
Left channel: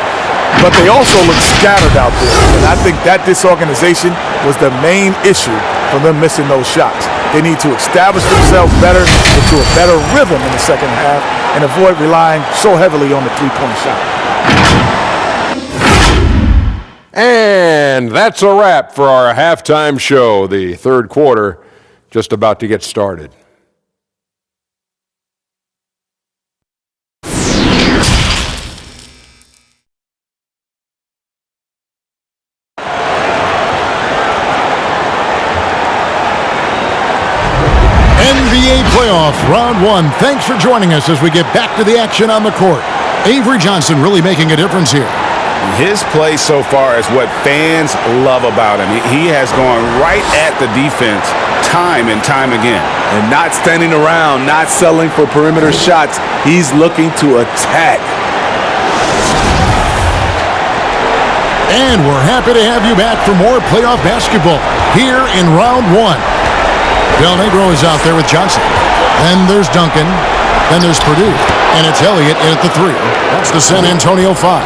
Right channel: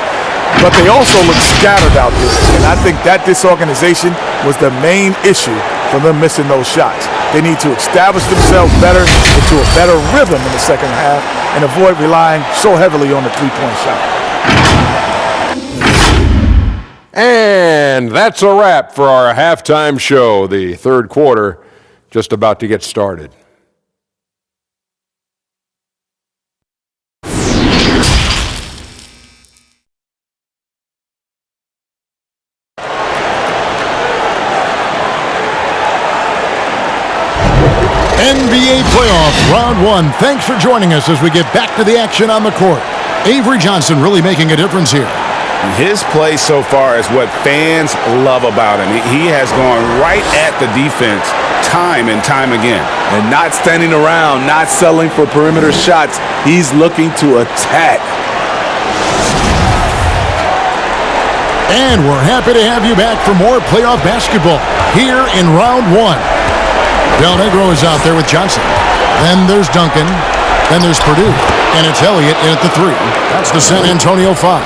But they also looked scattered out there. And I think that disorganization was the main issue for them missing those shots. They need to establish themselves better into a better rhythm in the second half and avoid relying so heavily on the three-point shot. And that's a wrap for our halftime show. The third quarter just about to get started. NBA playoffs, round 1. Thanks for joining us as we get back to the action on the court. Avery Johnson really making a difference here. His play so far is what fans love about him. He has gone right at the defense time and time again. And not standing around, not settling for perimeter shots. He's looking to attack. And we're happy to have you back for more playoff basketball here in round 1. Del Negro is out there with Johnson. Then there's Duncan. Then there's Purdue. And it's Elliott in at the 3. That's the San Antonio 5.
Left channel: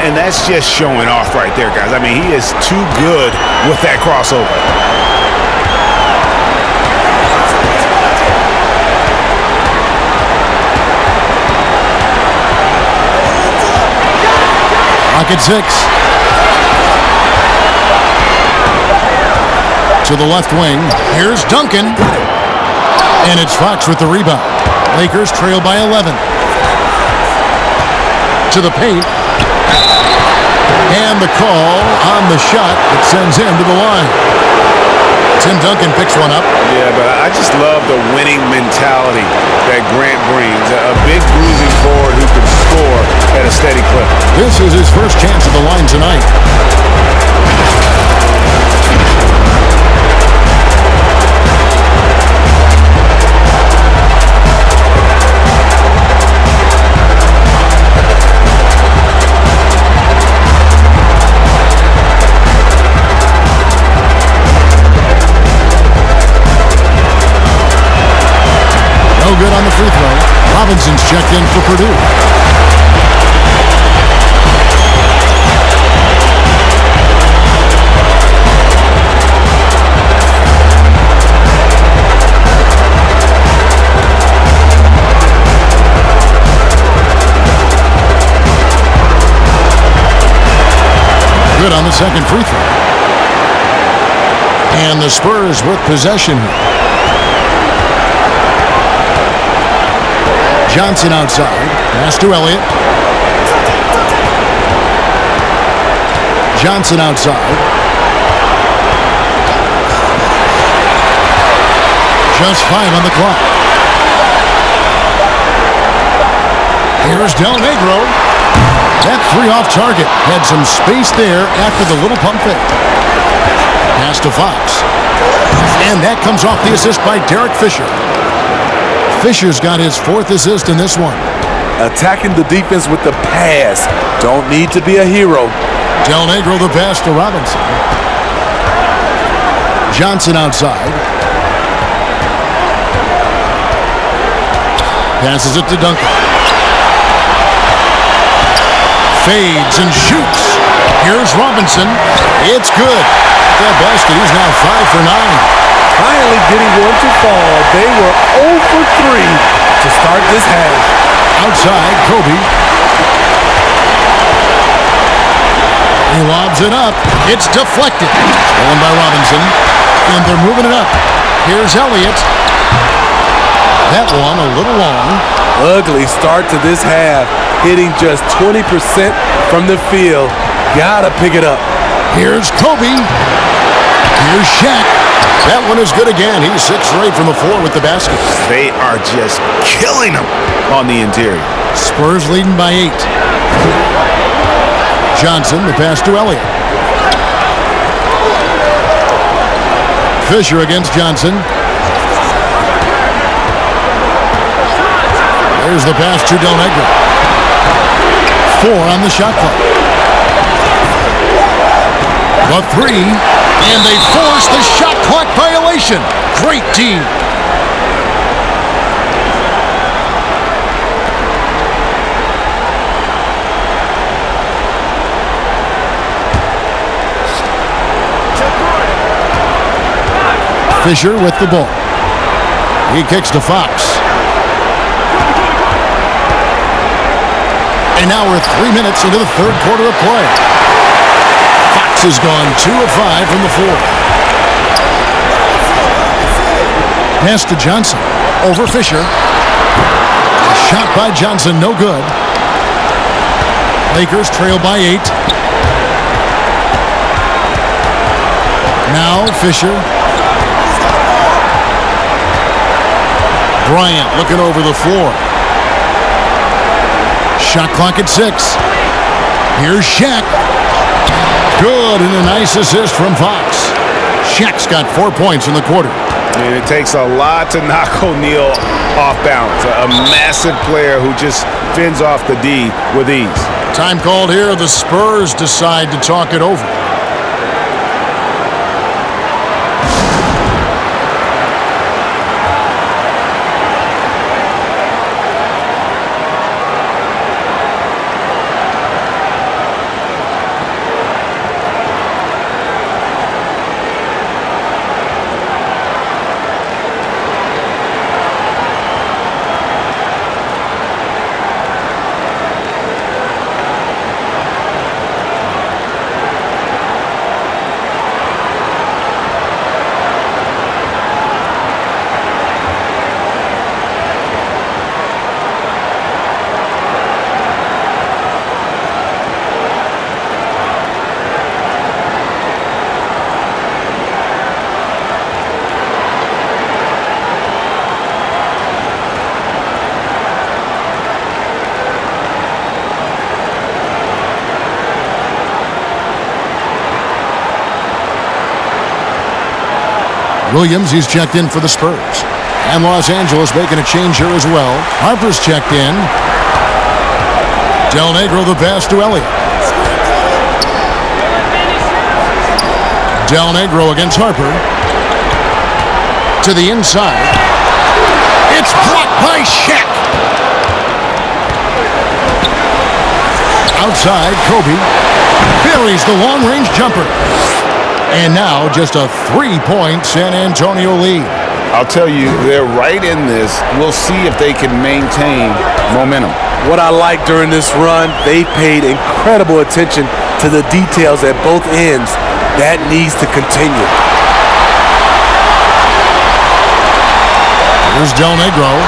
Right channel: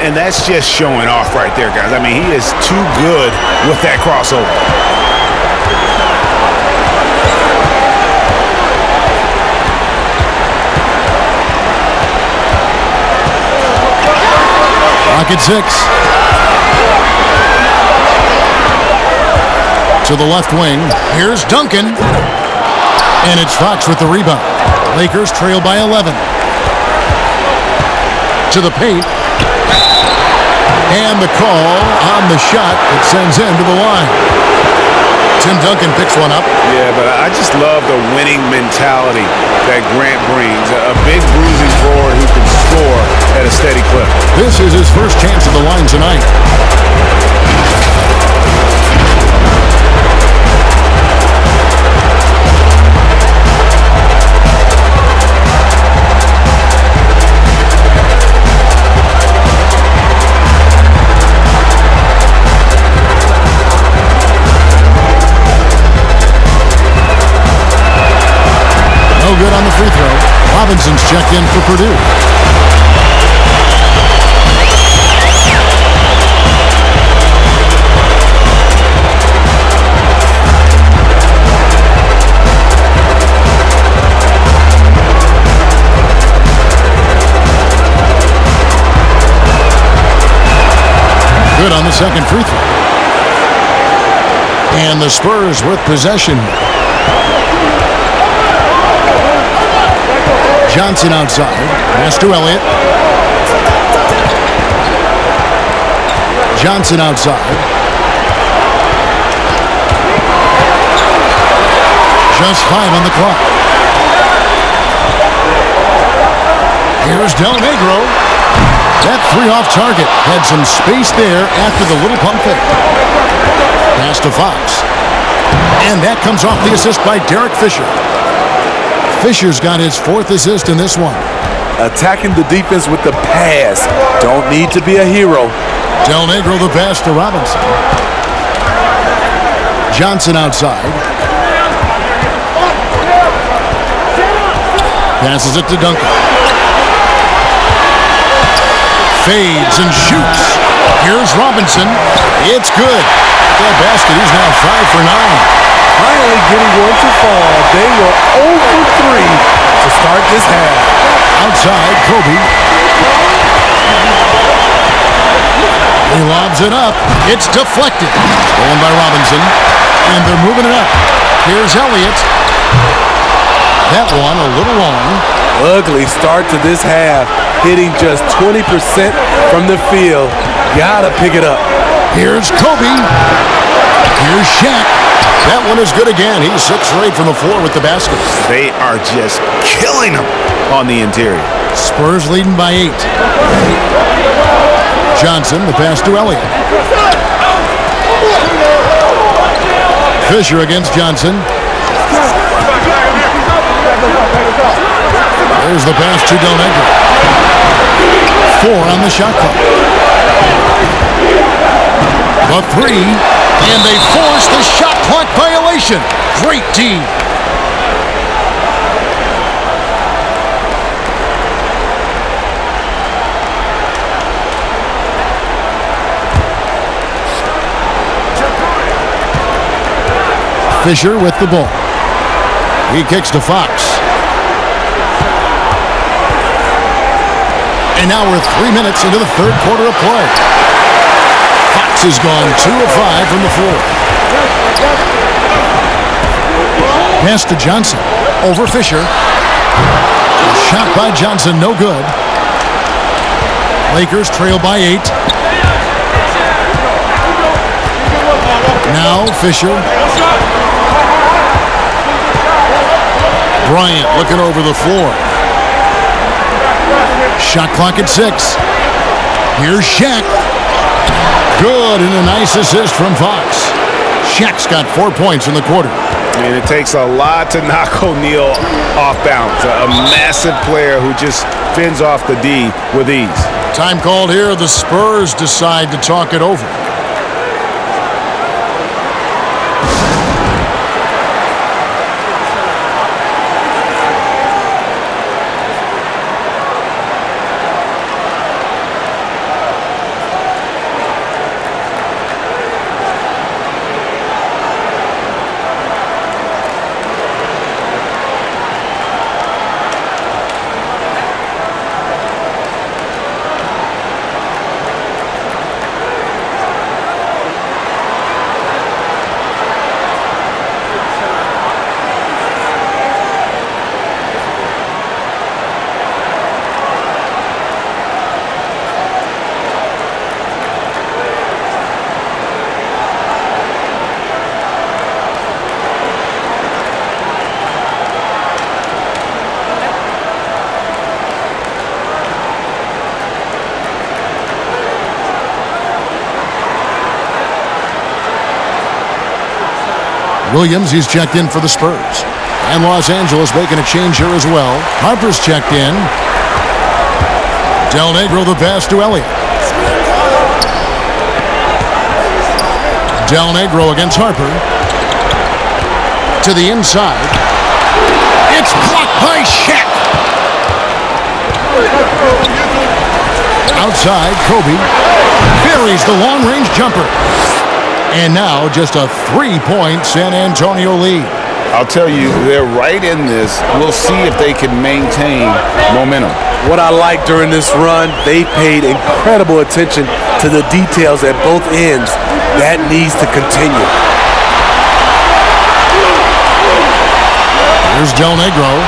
And that's just showing off right there, guys. I mean, he is too good with that crossover. Rocket 6. To the left wing. Here's Duncan. And it's Fox with the rebound. Lakers trail by 11. To the paint. And the call on the shot that sends him to the line. Tim Duncan picks one up. Yeah, but I just love the winning mentality that Grant brings. A big bruising forward who can score at a steady clip. This is his first chance at the line tonight. No good on the free throw. Robinson's checked in for Purdue. Good on the second free throw. And the Spurs with possession. Johnson outside. Pass to Elliott. Johnson outside. Just 5 on the clock. Here's Del Negro. That 3 off target. Had some space there after the little pump fake. Pass to Fox. And that comes off the assist by Derek Fisher. Fisher's got his 4th assist in this one. Attacking the defense with the pass. Don't need to be a hero. Del Negro the pass to Robinson. Johnson outside. Passes it to Duncan. Fades and shoots. Here's Robinson. It's good. At that basket, he's now 5 for 9. Finally getting one to fall. They were 0 for 3 to start this half. Outside, Kobe. He lobs it up. It's deflected. Stolen by Robinson. And they're moving it up. Here's Elliott. That one a little long. Ugly start to this half. Hitting just 20% from the field. Gotta pick it up. Here's Kobe. Here's Shaq. That one is good again. He's 6 for 8 from the floor with the basket. They are just killing them on the interior. Spurs leading by 8. Johnson, the pass to Elliott. Fisher against Johnson. There's the pass to Del Negro. 4 on the shot clock. The 3, and they force the shot clock violation. Great D. Fisher with the ball. He kicks to Fox. And now we're 3 minutes into the 3rd quarter of play. Fox has gone 2 of 5 from the floor. Pass to Johnson. Over Fisher. Shot by Johnson, no good. Lakers trail by 8. Now Fisher. Bryant looking over the floor. Shot clock at 6. Here's Shaq. Good, and a nice assist from Fox. Shaq's got 4 points in the quarter. And it takes a lot to knock O'Neal off balance. A massive player who just fends off the D with ease. Time called here. The Spurs decide to talk it over. Williams, he's checked in for the Spurs. And Los Angeles making a change here as well. Harper's checked in. Del Negro the pass to Elliott. Del Negro against Harper. To the inside. It's blocked by Shaq. Outside, Kobe buries the long-range jumper. And now just a 3-point San Antonio lead. I'll tell you, they're right in this. We'll see if they can maintain momentum. What I like during this run, they paid incredible attention to the details at both ends. That needs to continue. Here's Del Negro.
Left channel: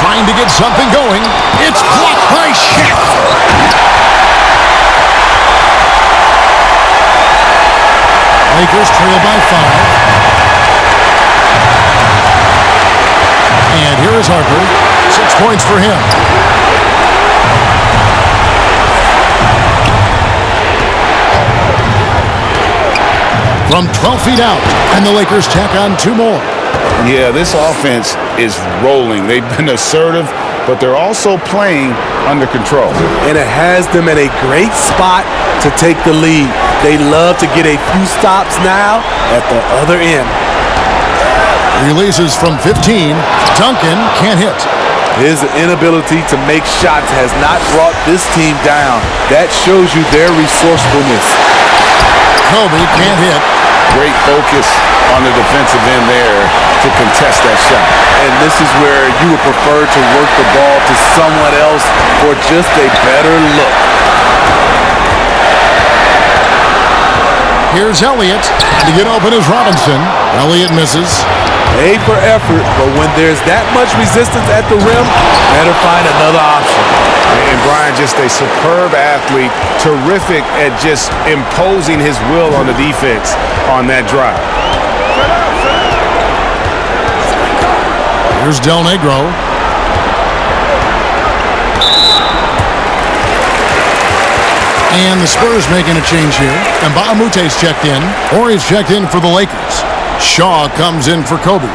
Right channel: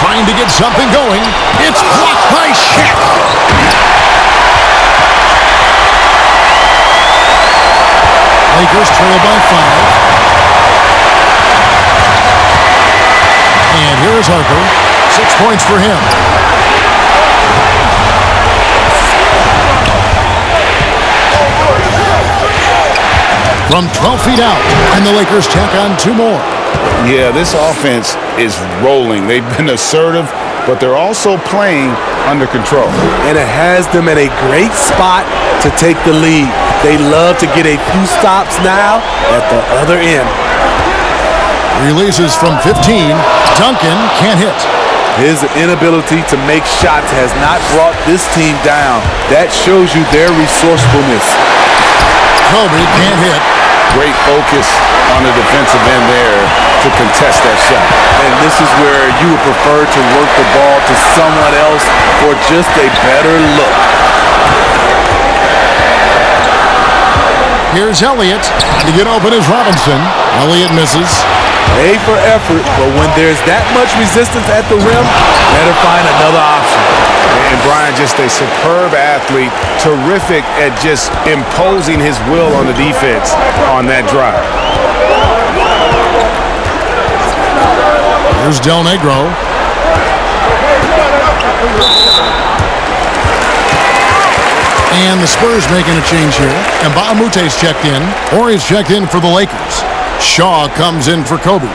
Trying to get something going. It's blocked by Shaq. Lakers trail by 5. And here is Harper. 6 points for him. From 12 feet out, and the Lakers tack on 2 more. Yeah, this offense is rolling. They've been assertive, but they're also playing under control. And it has them in a great spot to take the lead. They love to get a few stops now at the other end. Releases from 15. Duncan can't hit. His inability to make shots has not brought this team down. That shows you their resourcefulness. Kobe can't hit. Great focus on the defensive end there to contest that shot. And this is where you would prefer to work the ball to someone else for just a better look. Here's Elliott. And to get open is Robinson. Elliott misses. A for effort, but when there's that much resistance at the rim, better find another option. And Brian, just a superb athlete, terrific at just imposing his will on the defense on that drive. Here's Del Negro. And the Spurs making a change here. And Mbaamute's checked in, or he's checked in for the Lakers. Shaw comes in for Kobe.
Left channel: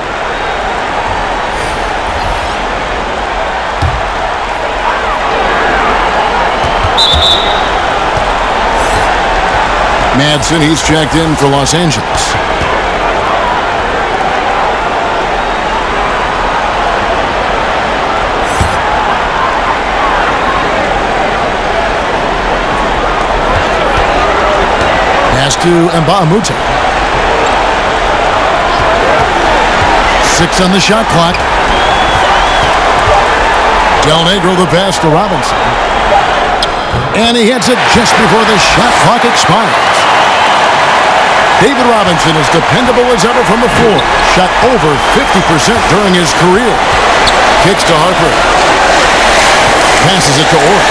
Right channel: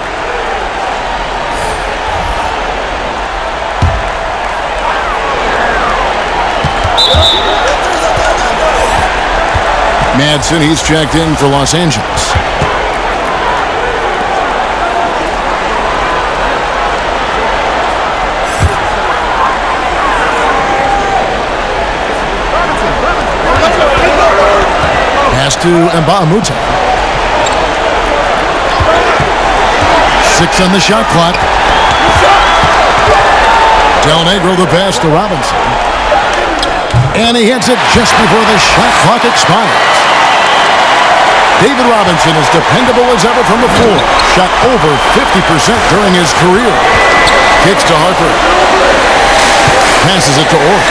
Madsen, he's checked in for Los Angeles. Pass to Mbaamute. 6 on the shot clock. Del Negro the pass to Robinson. And he hits it just before the shot clock expires. David Robinson is dependable as ever from the floor. Shot over 50% during his career. Kicks to Harper. Passes it to Orr.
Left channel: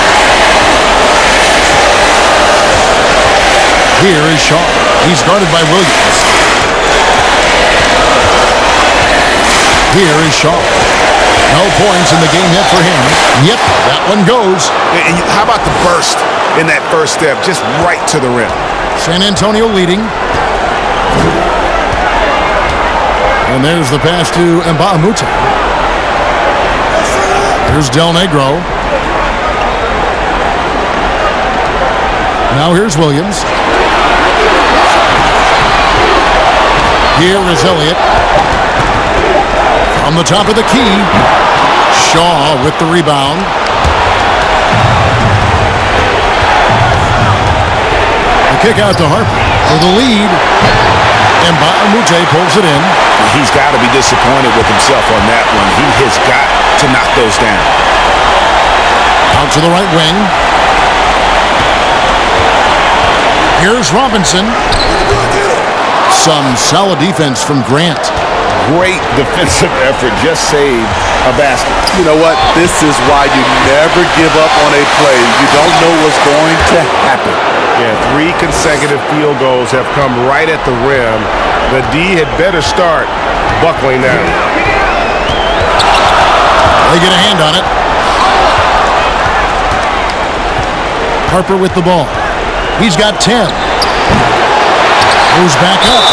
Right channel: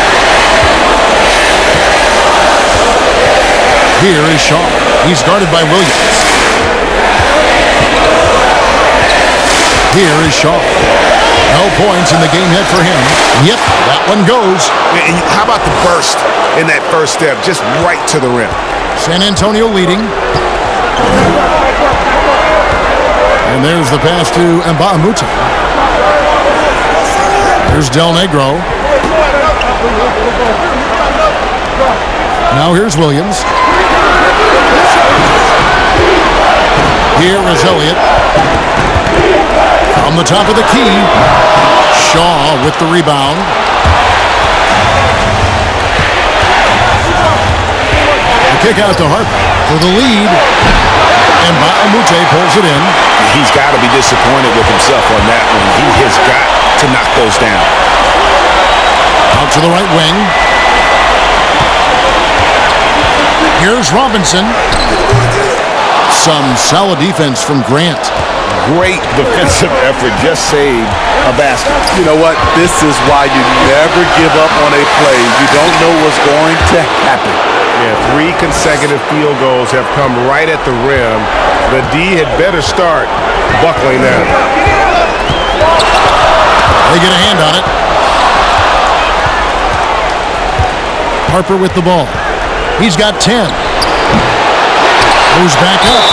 Here is Shaw. He's guarded by Williams. Here is Shaw. No points in the game yet for him. Yep, that one goes. And how about the burst in that first step, just right to the rim? San Antonio leading. And there's the pass to Mbaamute. Here's Del Negro. Now here's Williams. Here is Elliott. From the top of the key, Shaw with the rebound. The kick out to Harper for the lead. And Mbaamutte pulls it in. He's got to be disappointed with himself on that one. He has got to knock those down. Out to the right wing. Here's Robinson. Some solid defense from Grant. Great defensive effort, just saved a basket. You know what? This is why you never give up on a play. You don't know what's going to happen. Yeah, 3 consecutive field goals have come right at the rim. The D had better start buckling down. They get a hand on it. Harper with the ball. He's got 10. Moves back up.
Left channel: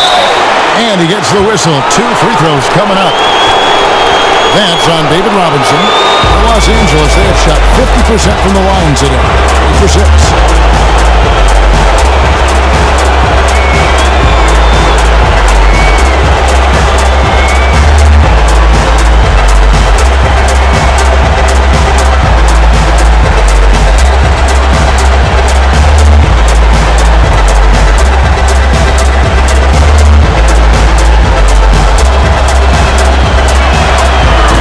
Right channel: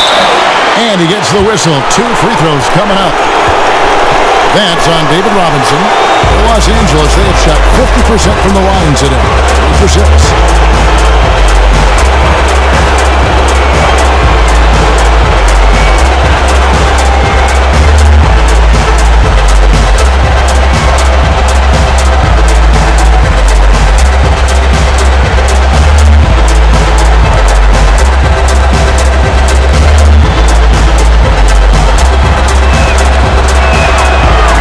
And he gets the whistle. 2 free throws coming up. That's on David Robinson. For Los Angeles, they have shot 50% from the line today. 8 for 6.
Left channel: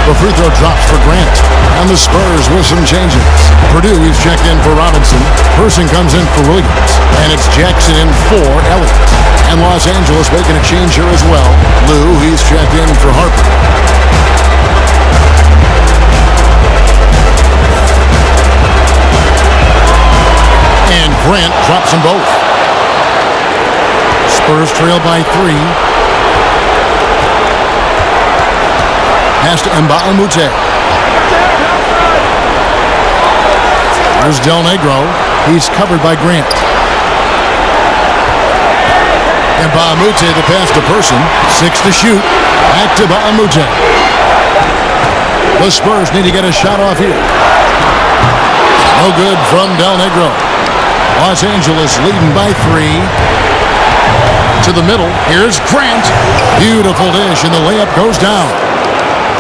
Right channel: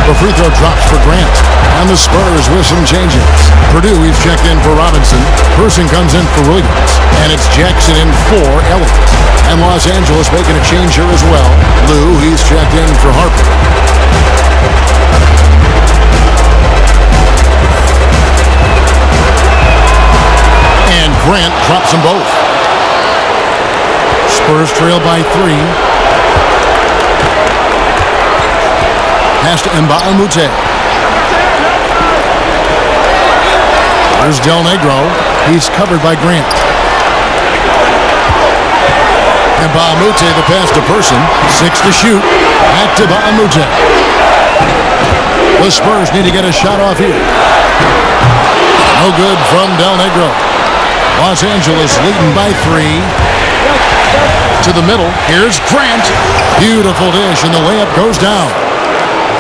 The free throw drops for Grant. And the Spurs with some changes. Purdue, he's checked in for Robinson. Person comes in for Williams. And it's Jackson in for Elliott. And Los Angeles making a change here as well. Lou, he's checked in for Harper. And Grant drops them both. Spurs trail by 3. Pass to NBAPLAYOFFS. There's Del Negro. He's covered by Grant. NBAPLAYOFFS, the pass to Person. 6 to shoot. Back to NBAPLAYOFFS. The Spurs need to get a shot off here. No good from Del Negro. Los Angeles leading by 3. To the middle. Here's Grant. Beautiful dish, and the layup goes down.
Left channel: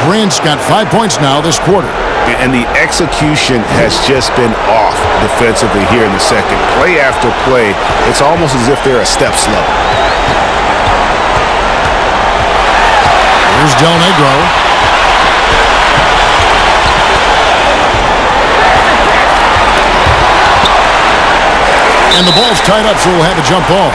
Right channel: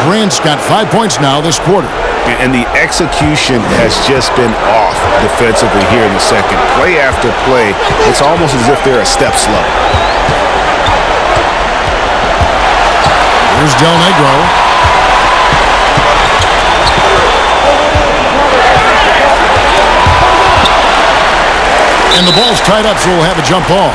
Grant's got 5 points now this quarter. And the execution has just been off defensively here in the second. Play after play, it's almost as if they're a step slow. Here's Del Negro. And the ball's tied up, so we'll have a jump ball.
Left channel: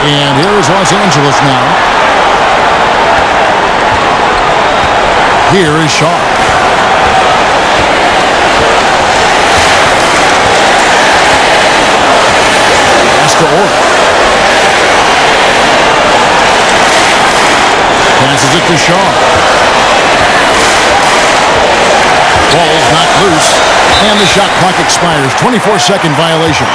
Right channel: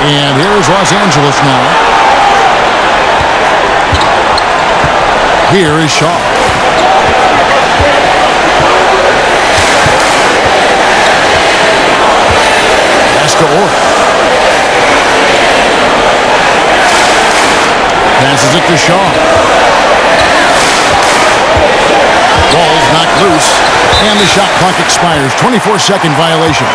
And here is Los Angeles now. Here is Shaw. Pass to Orr. Passes it to Shaw. Ball's knocked loose. And the shot clock expires. 24-second violation.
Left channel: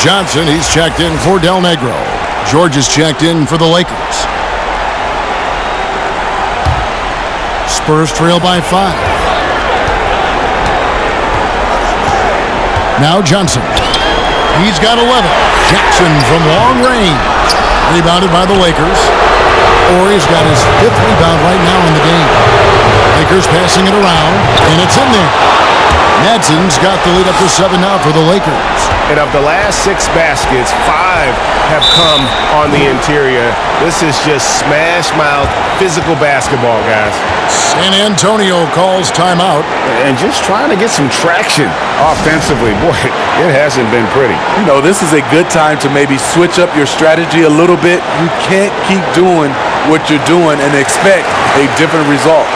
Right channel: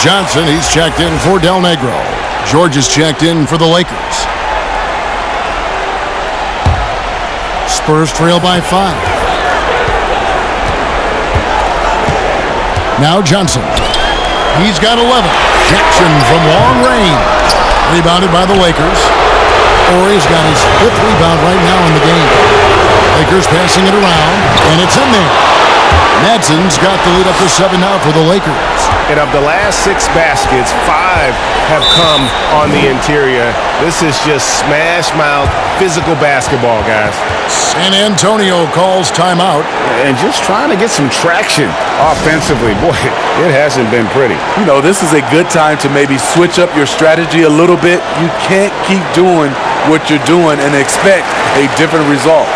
Johnson, he's checked in for Del Negro. George is checked in for the Lakers. Spurs trail by 5. Now Johnson. He's got 11. Jackson from long range. Rebounded by the Lakers. Horry's got his 5th rebound right now in the game. Lakers passing it around, and it's in there. Madson's got the lead up to 7 now for the Lakers. And of the last 6 baskets, 5 have come on the interior. This is just smash-mouth, physical basketball, guys. San Antonio calls timeout. And just trying to get some traction offensively. Boy, it hasn't been pretty. You know, this is a good time to maybe switch up your strategy a little bit. You can't keep doing what you're doing and expect a different result.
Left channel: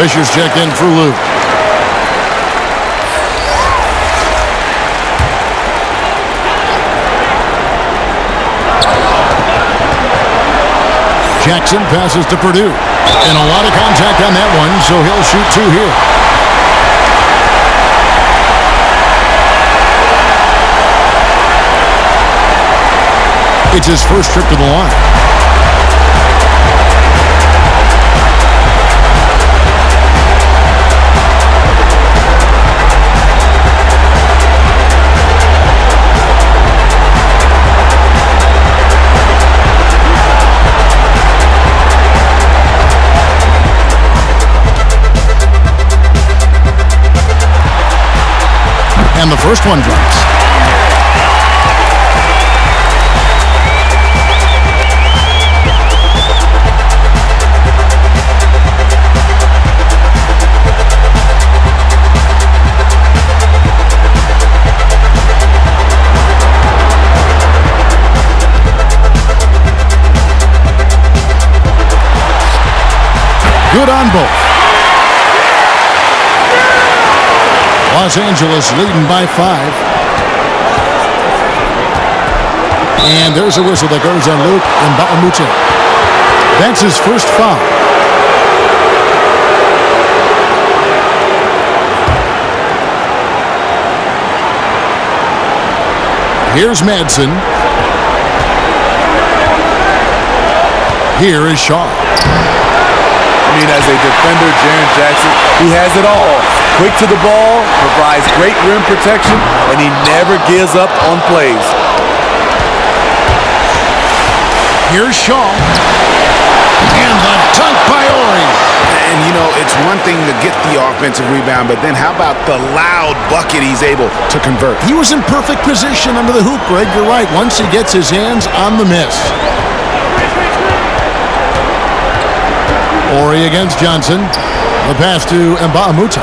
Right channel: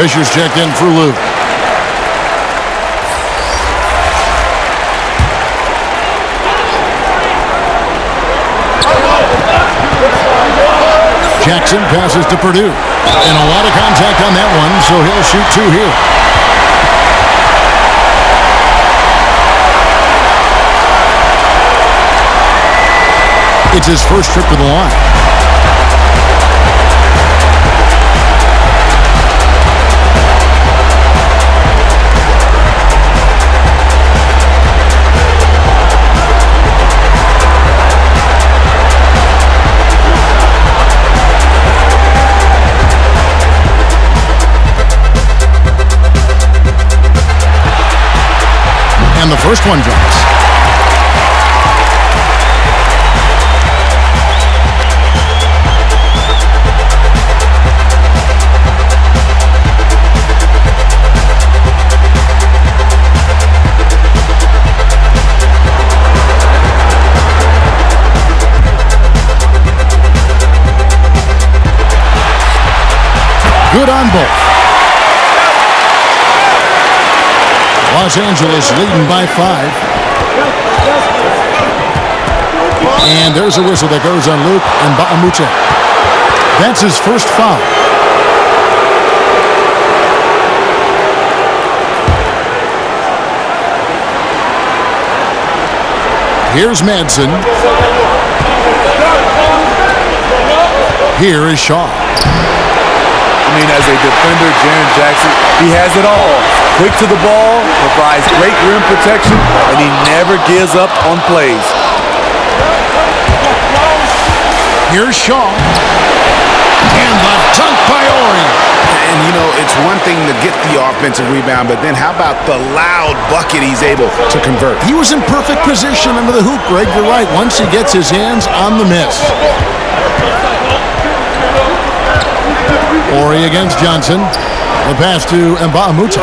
Fisher's checked in for Luke. Jackson passes to Purdue. And a lot of contact on that one, so he'll shoot 2 here. It's his first trip to the line. And the first one drops. Good on both. Los Angeles leading by 5. And there's a whistle that goes on Luke Mbamute. That's his first foul. Here's Madsen. Here is Shaw. I mean, as a defender, Jaren Jackson, he has it all. Quick to the ball, provides great rim protection, and he never gives up on plays. Here's Shaw. And the dunk by Ori. And, you know, it's one thing to get the offensive rebound, but then how about the loud bucket he's able to convert? He was in perfect position under the hoop, Greg. You're right. Once he gets his hands on the miss. Ori against Johnson. The pass to Mbamute.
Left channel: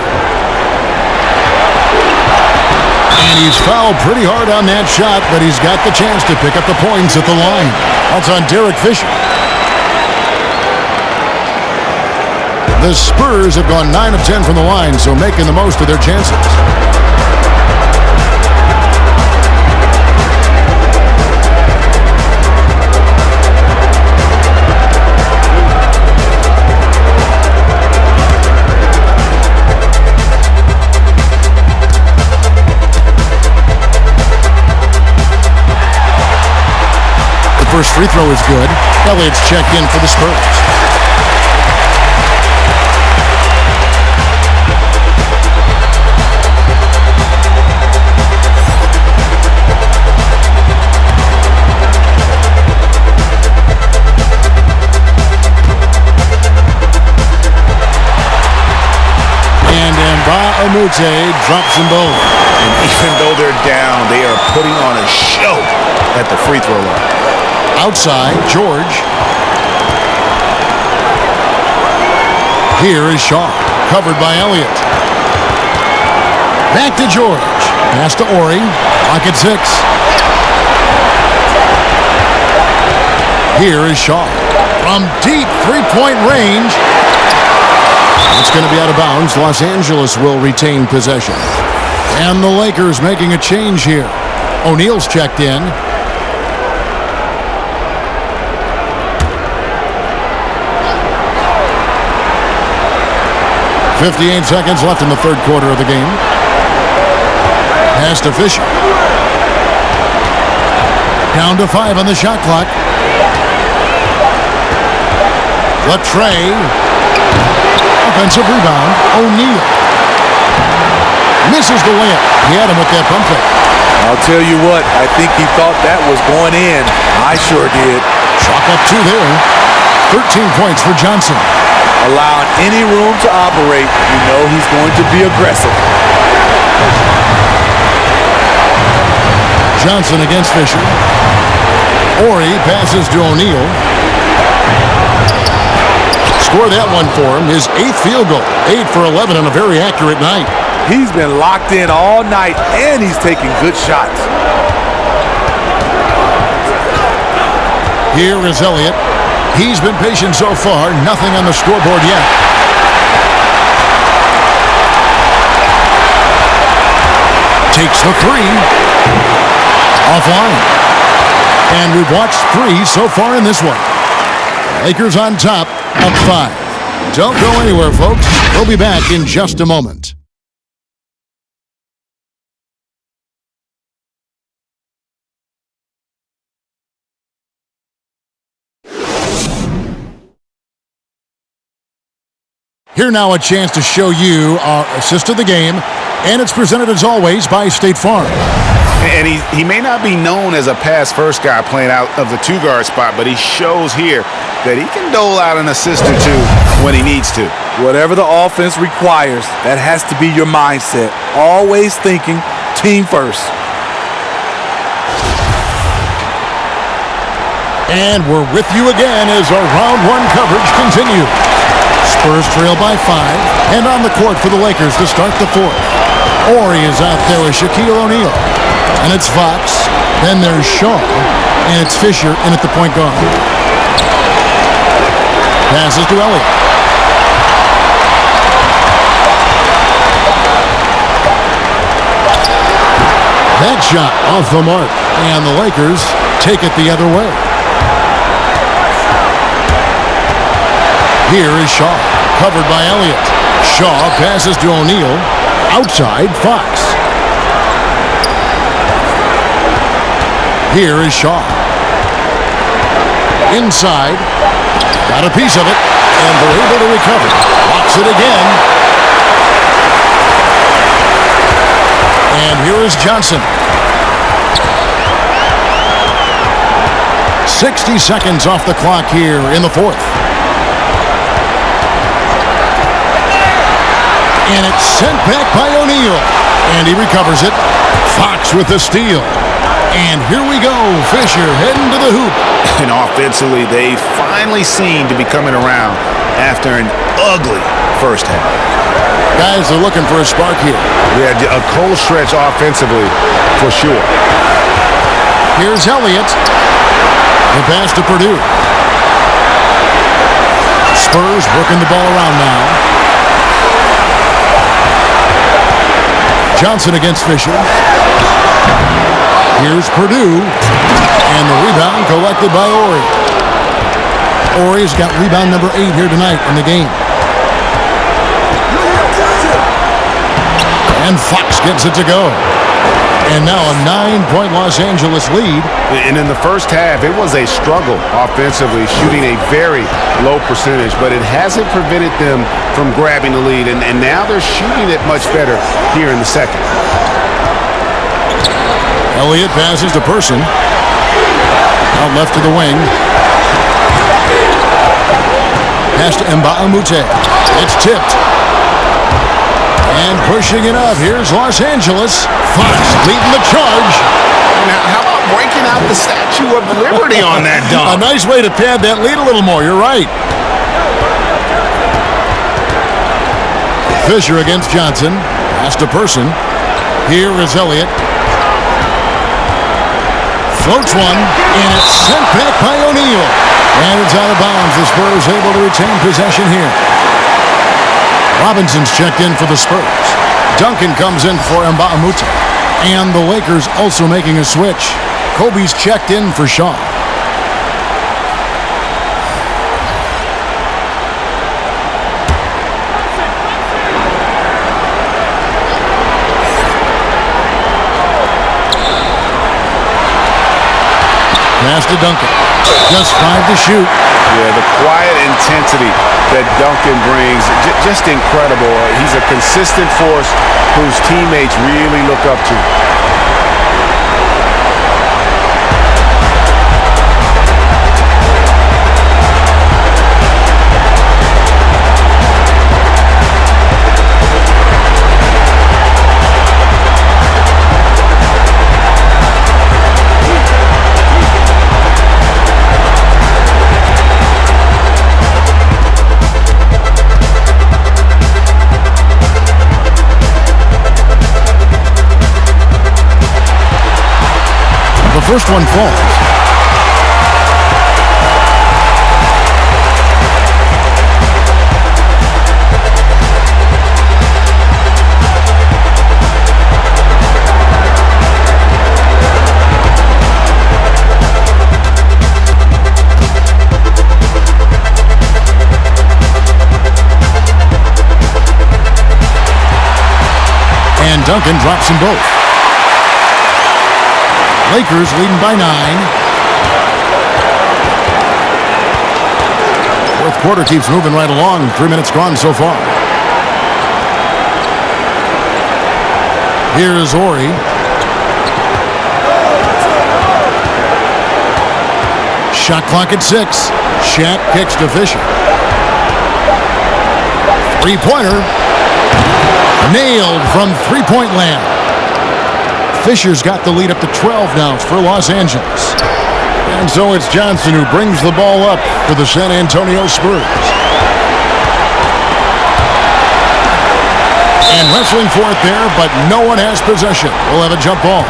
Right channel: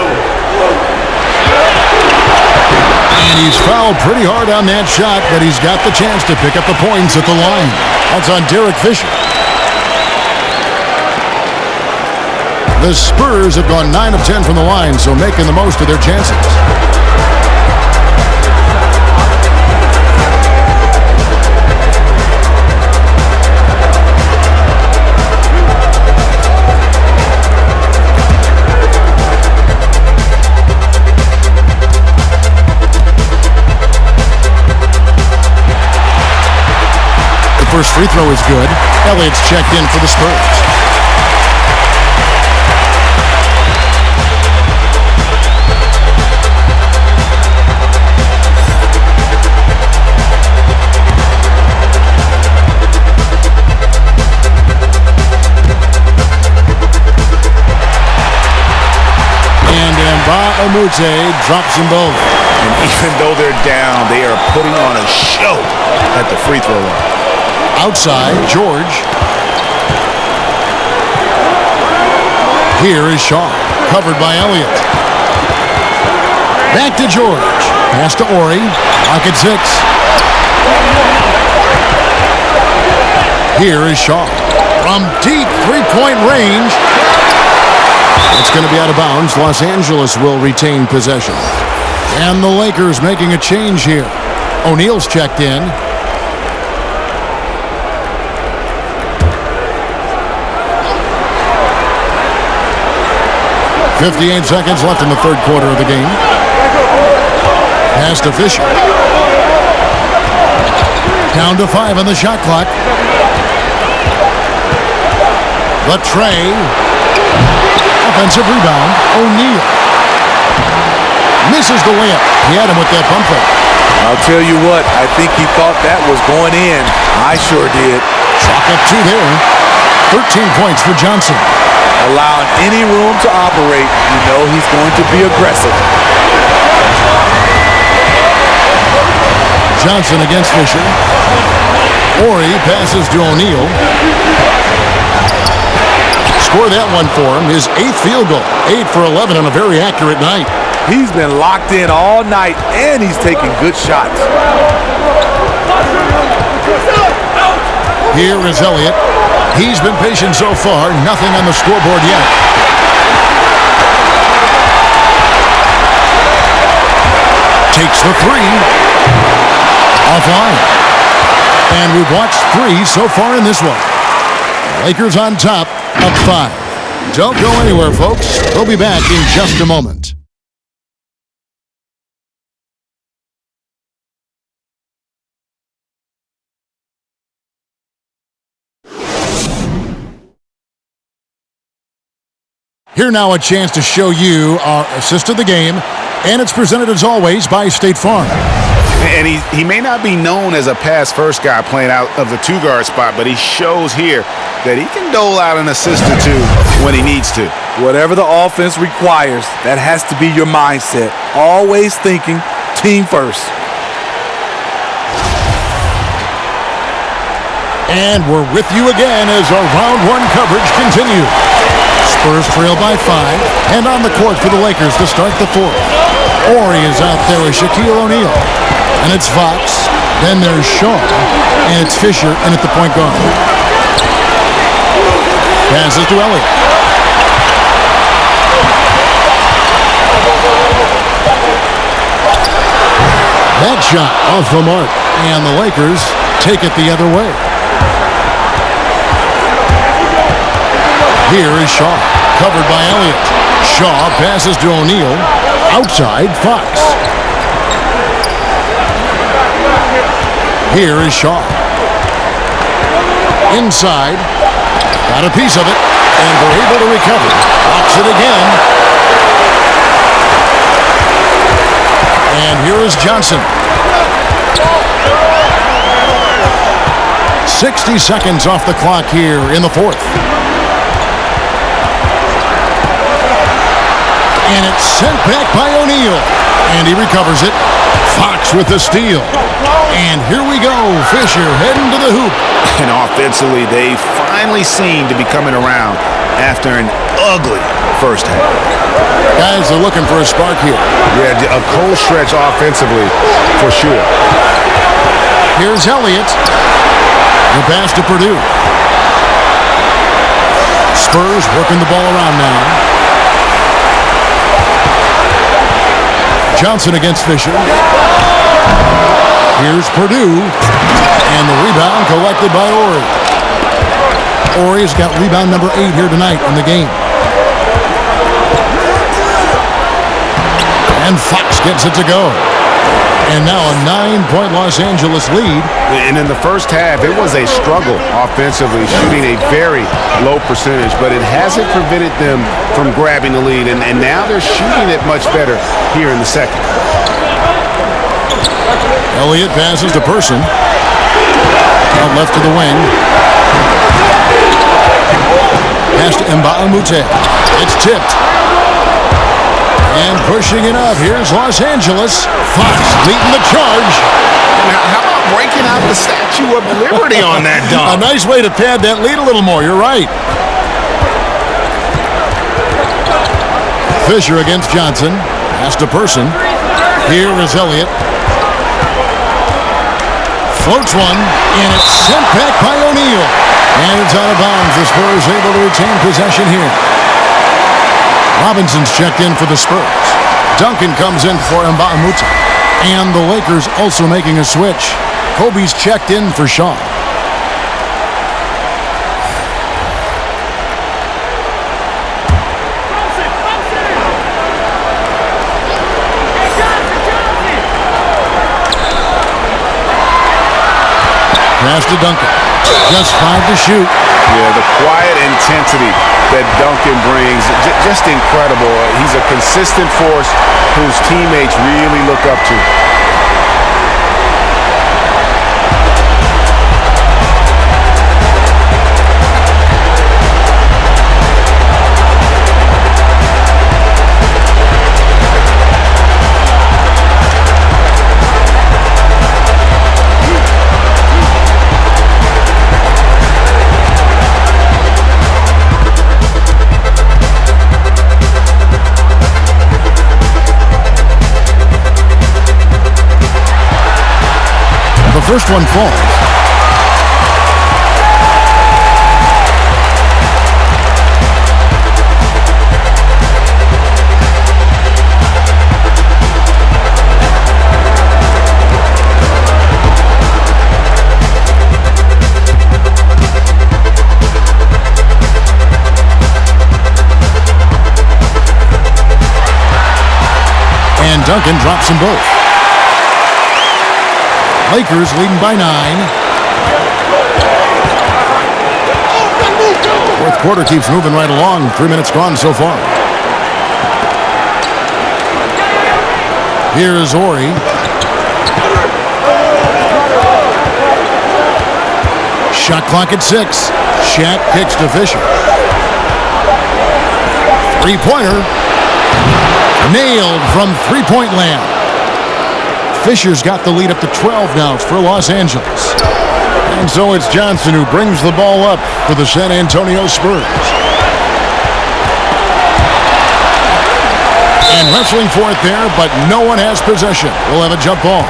And he's fouled pretty hard on that shot, but he's got the chance to pick up the points at the line. That's on Derek Fisher. The Spurs have gone 9 of 10 from the line, so making the most of their chances. First free throw is good. Elliott's checked in for the Spurs. And Mbamute drops them both. And even though they're down, they are putting on a show at the free throw line. Outside, George. Here is Shaw, covered by Elliott. Back to George. Pass to Ori. Lock at 6. Here is Shaw. From deep three-point range. It's going to be out of bounds. Los Angeles will retain possession. And the Lakers making a change here. O'Neal's checked in. 58 seconds left in the third quarter of the game. Pass to Fisher. Down to 5 on the shot clock. The tray. Offensive rebound. O'Neal. Misses the layup. He had him with that pump fake. I'll tell you what, I think he thought that was going in. I sure did. Chalk up 2 there. 13 points for Johnson. Allowing any room to operate, you know he's going to be aggressive. Johnson against Fisher. Ori passes to O'Neal. Score that one for him. His 8th field goal. 8 for 11 on a very accurate night. He's been locked in all night, and he's taking good shots. Here is Elliott. He's been patient so far. Nothing on the scoreboard yet. Takes the 3. Offline. And we've watched 3 so far in this one. Lakers on top, up 5. Don't go anywhere, folks. We'll be back in just a moment. Here now a chance to show you our assist of the game, and it's presented as always by State Farm. And he may not be known as a pass-first guy playing out of the 2-guard spot, but he shows here that he can dole out an assist or 2 when he needs to. Whatever the offense requires, that has to be your mindset. Always thinking Team first. And we're with you again as our round one coverage continues. Spurs trail by 5, and on the court for the Lakers to start the fourth. Horry is out there with Shaquille O'Neal. And it's Fox. Then there's Shaw. And it's Fisher in at the point guard. Passes to Elliott. That shot off the mark. And the Lakers take it the other way. Here is Shaw, covered by Elliott. Shaw passes to O'Neal. Outside, Fox. Here is Shaw. Inside. Got a piece of it. And they're able to recover. Locks it again. And here is Johnson. 60 seconds off the clock here in the fourth. And it's sent back by O'Neal. And he recovers it. Fox with the steal. And here we go. Fisher heading to the hoop. And offensively, they finally seem to be coming around after an ugly first half. Guys are looking for a spark here. Yeah, a cold stretch offensively for sure. Here's Elliott. The pass to Purdue. Spurs working the ball around now. Johnson against Fisher. Here's Purdue. And the rebound collected by Horry. Horry's got rebound number 8 here tonight in the game. And Fox gets it to go. And now a 9-point Los Angeles lead. And in the first half, it was a struggle offensively, shooting a very low percentage, but it hasn't prevented them from grabbing the lead. And now they're shooting it much better here in the second. Elliott passes to Person. Out left to the wing. Pass to NBAPLAYOFFS. It's tipped. And pushing it up. Here's Los Angeles. Fox leading the charge. And how about breaking out the Statue of Liberty on that dunk? A nice way to pad that lead a little more. You're right. Fisher against Johnson. Pass to Person. Here is Elliott. Floats one. And it's sent back by O'Neal. And it's out of bounds. The Spurs able to retain possession here. Robinson's checked in for the Spurs. Duncan comes in for NBAPLAYOFFS. And the Lakers also making a switch. Kobe's checked in for Shaw. Pass to Duncan. Just 5 to shoot. Yeah, the quiet intensity that Duncan brings, just incredible. He's a consistent force whose teammates really look up to. First one falls. And Duncan drops them both. Lakers leading by 9. Fourth quarter keeps moving right along. 3 minutes gone so far. Here is Horry. Shot clock at 6. Shaq kicks to Fisher. Three-pointer. Nailed from three-point land. Fisher's got the lead up to 12 now for Los Angeles. And so it's Johnson who brings the ball up for the San Antonio Spurs. And wrestling for it there, but no one has possession. We'll have a jump ball.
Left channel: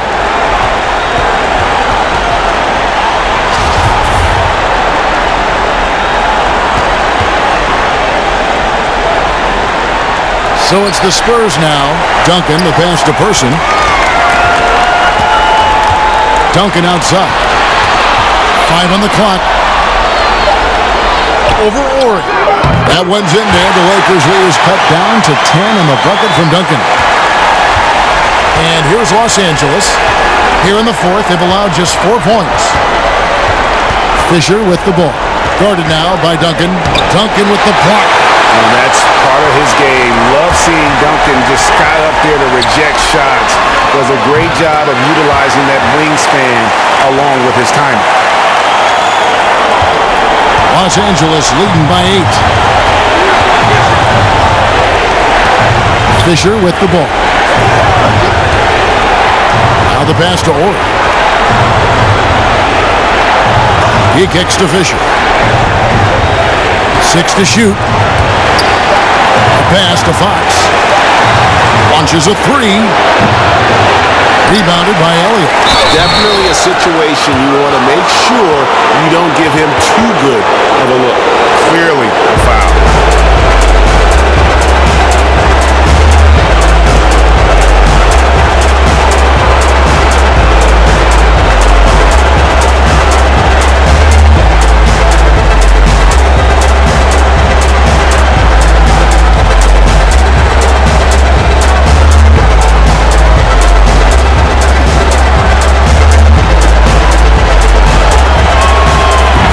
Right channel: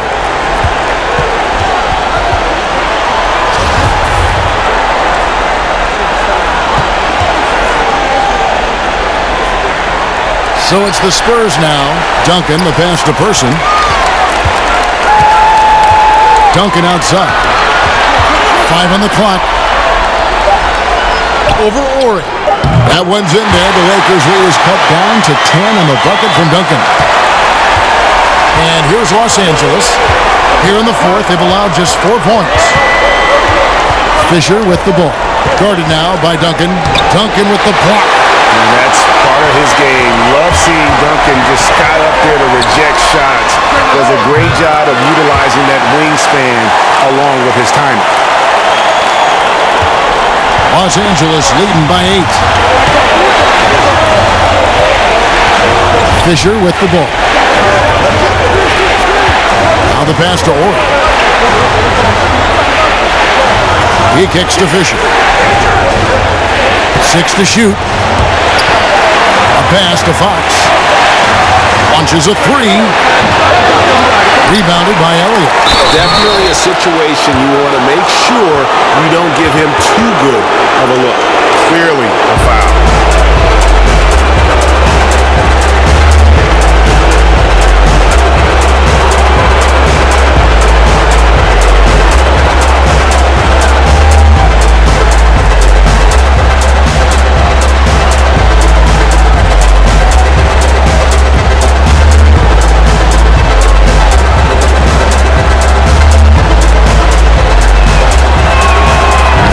So it's the Spurs now. Duncan, the pass to Person. Duncan outside. 5 on the clock. Over Ori. That one's in there. The Lakers lead is cut down to 10 on the bucket from Duncan. And here's Los Angeles. Here in the fourth, they've allowed just 4 points. Fisher with the ball. Guarded now by Duncan. Duncan with the block. And that's part of his game. Love seeing Duncan just sky up there to reject shots. Does a great job of utilizing that wingspan along with his timing. Los Angeles leading by 8. Fisher with the ball. Now the pass to Ori. He kicks to Fisher. 6 to shoot. A pass to Fox. Launches a 3. Rebounded by Elliott. Definitely a situation you want to make sure you don't give him too good of a look. Clearly a foul.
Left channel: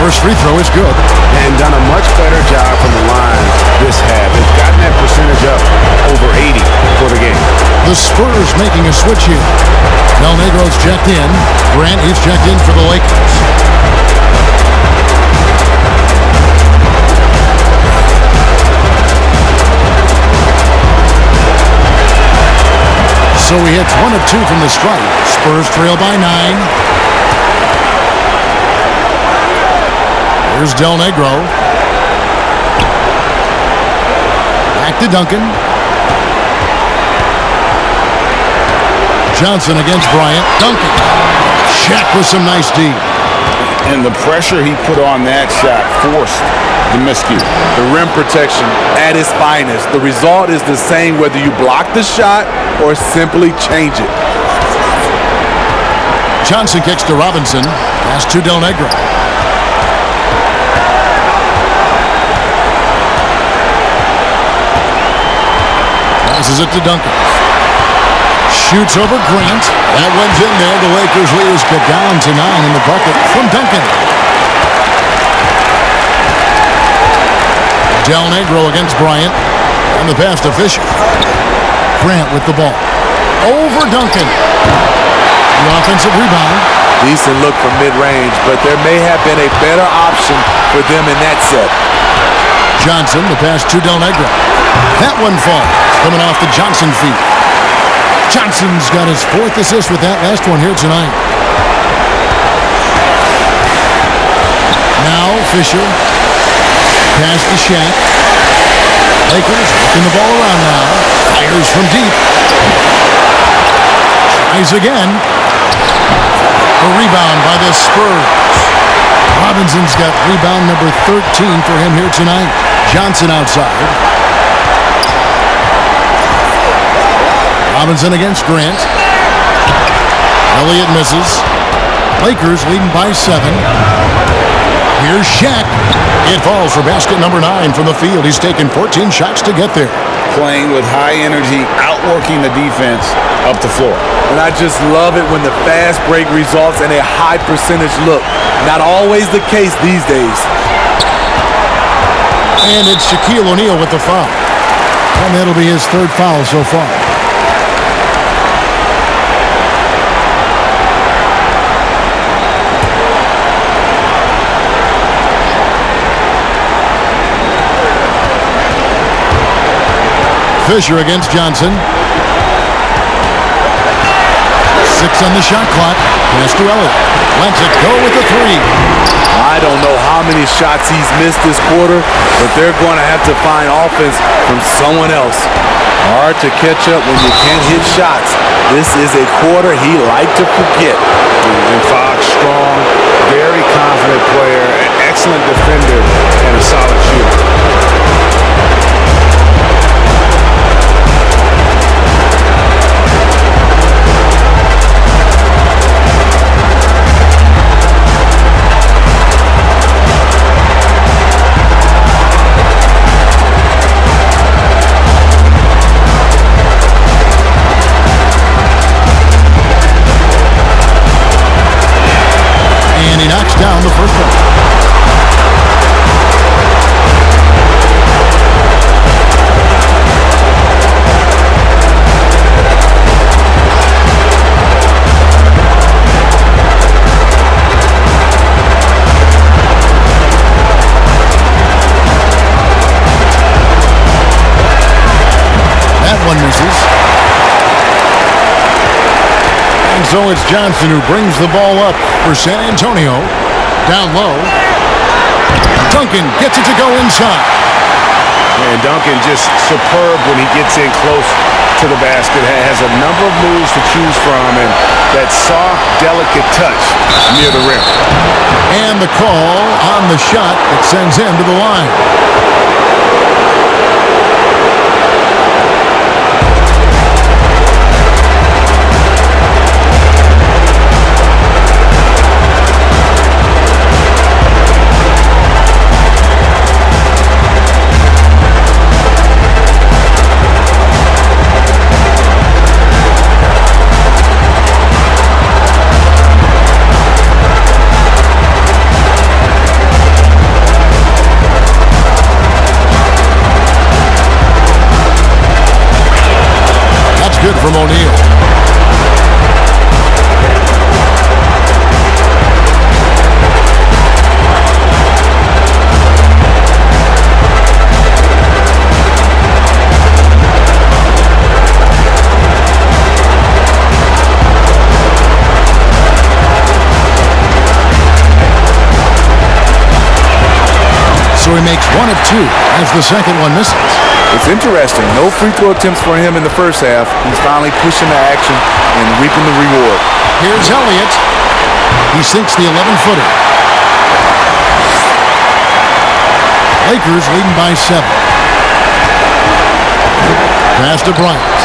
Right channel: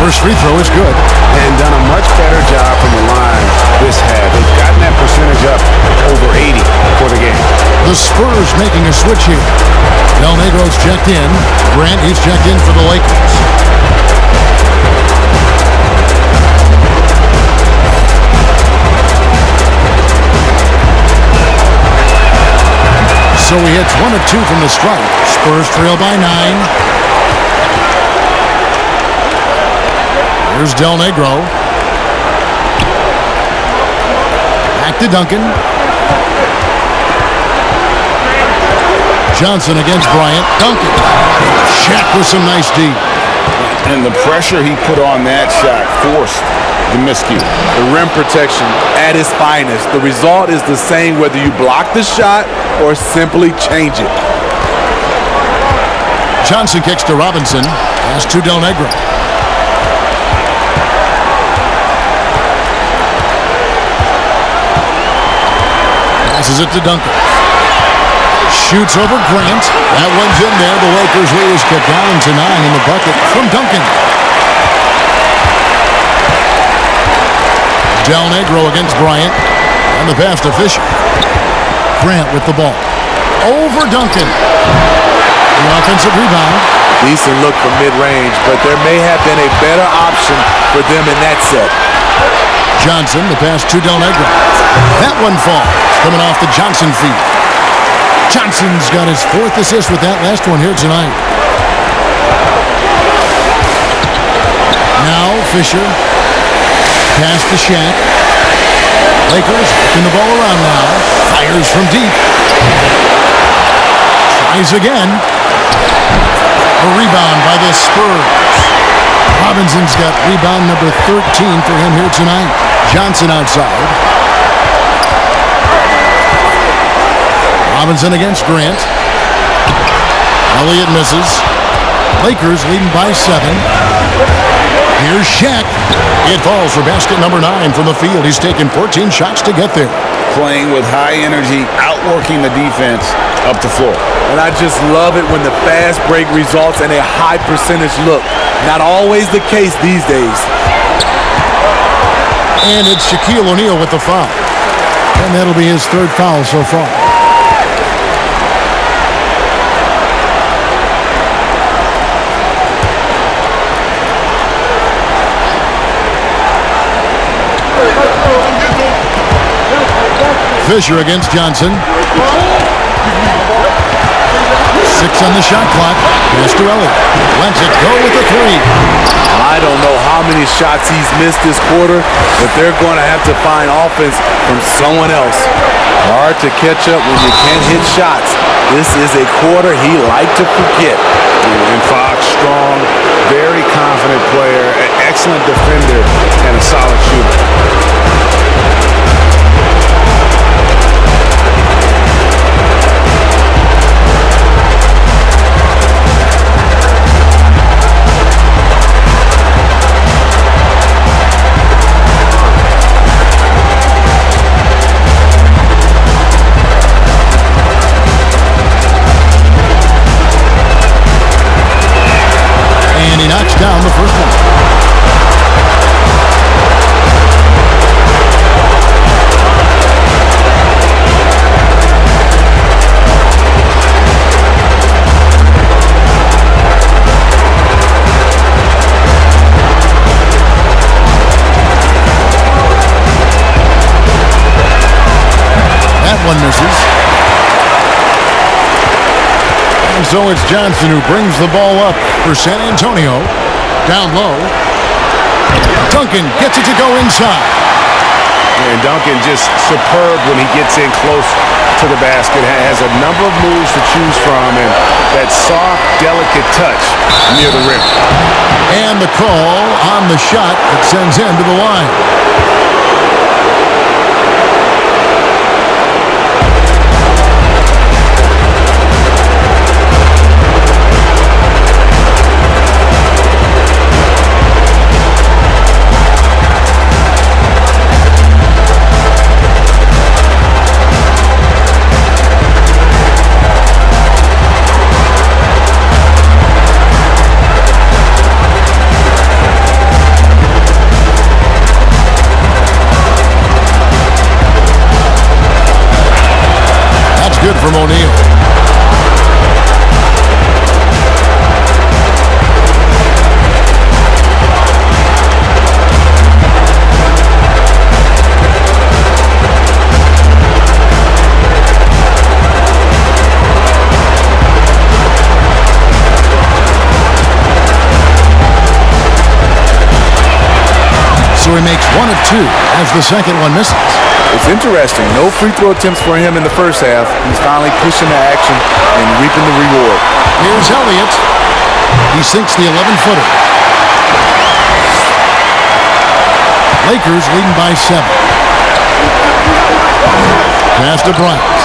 First free throw is good. And done a much better job from the line this half. They've gotten that percentage up over 80 for the game. The Spurs making a switch here. Del Negro's checked in. Grant, he's checked in for the Lakers. So he hits 1 of 2 from the stripe. Spurs trail by 9. Here's Del Negro. Back to Duncan. Johnson against Bryant. Duncan. Shaq with some nice D. And the pressure he put on that shot forced the miscue. The rim protection at its finest. The result is the same whether you block the shot or simply change it. Johnson kicks to Robinson. Pass to Del Negro. Passes it to Duncan. Shoots over Grant. That one's in there. The Lakers lead is cut down to 9 in the bucket from Duncan. Del Negro against Bryant. And the pass to Fisher. Grant with the ball. Over Duncan. The offensive rebound. Decent look from mid-range, but there may have been a better option for them in that set. Johnson, the pass to Del Negro. That one falls. Coming off the Johnson feet. Johnson's got his 4th assist with that last one here tonight. Now Fisher. Pass to Shaq. Lakers working the ball around now. Fires from deep. Tries again. A rebound by the Spurs. Robinson's got rebound number 13 for him here tonight. Johnson outside. Robinson against Grant. Elliott misses. Lakers leading by 7. Here's Shaq. It falls for basket number 9 from the field. He's taken 14 shots to get there. Playing with high energy, outworking the defense up the floor. And I just love it when the fast break results in a high percentage look. Not always the case these days. And it's Shaquille O'Neal with the foul. And that'll be his 3rd foul so far. Fisher against Johnson. 6 on the shot clock. Pass to Elliott. Lets it go with the 3. I don't know how many shots he's missed this quarter, but they're going to have to find offense from someone else. Hard to catch up when you can't hit shots. This is a quarter he liked to forget. And Fox, strong, very confident player, an excellent defender, and a solid shooter. And he knocks down the first one. That one misses. And so it's Johnson who brings the ball up for San Antonio. Down low. Duncan gets it to go inside. And Duncan just superb when he gets in close to the basket. Has a number of moves to choose from, and that soft, delicate touch near the rim. And the call on the shot that sends him to the line. Good from O'Neal. So he makes 1 of 2 as the second one misses. It's interesting. No free throw attempts for him in the first half. He's finally pushing the action and reaping the reward. Here's Elliott. He sinks the 11-footer. Lakers leading by 7. Pass to Bryant.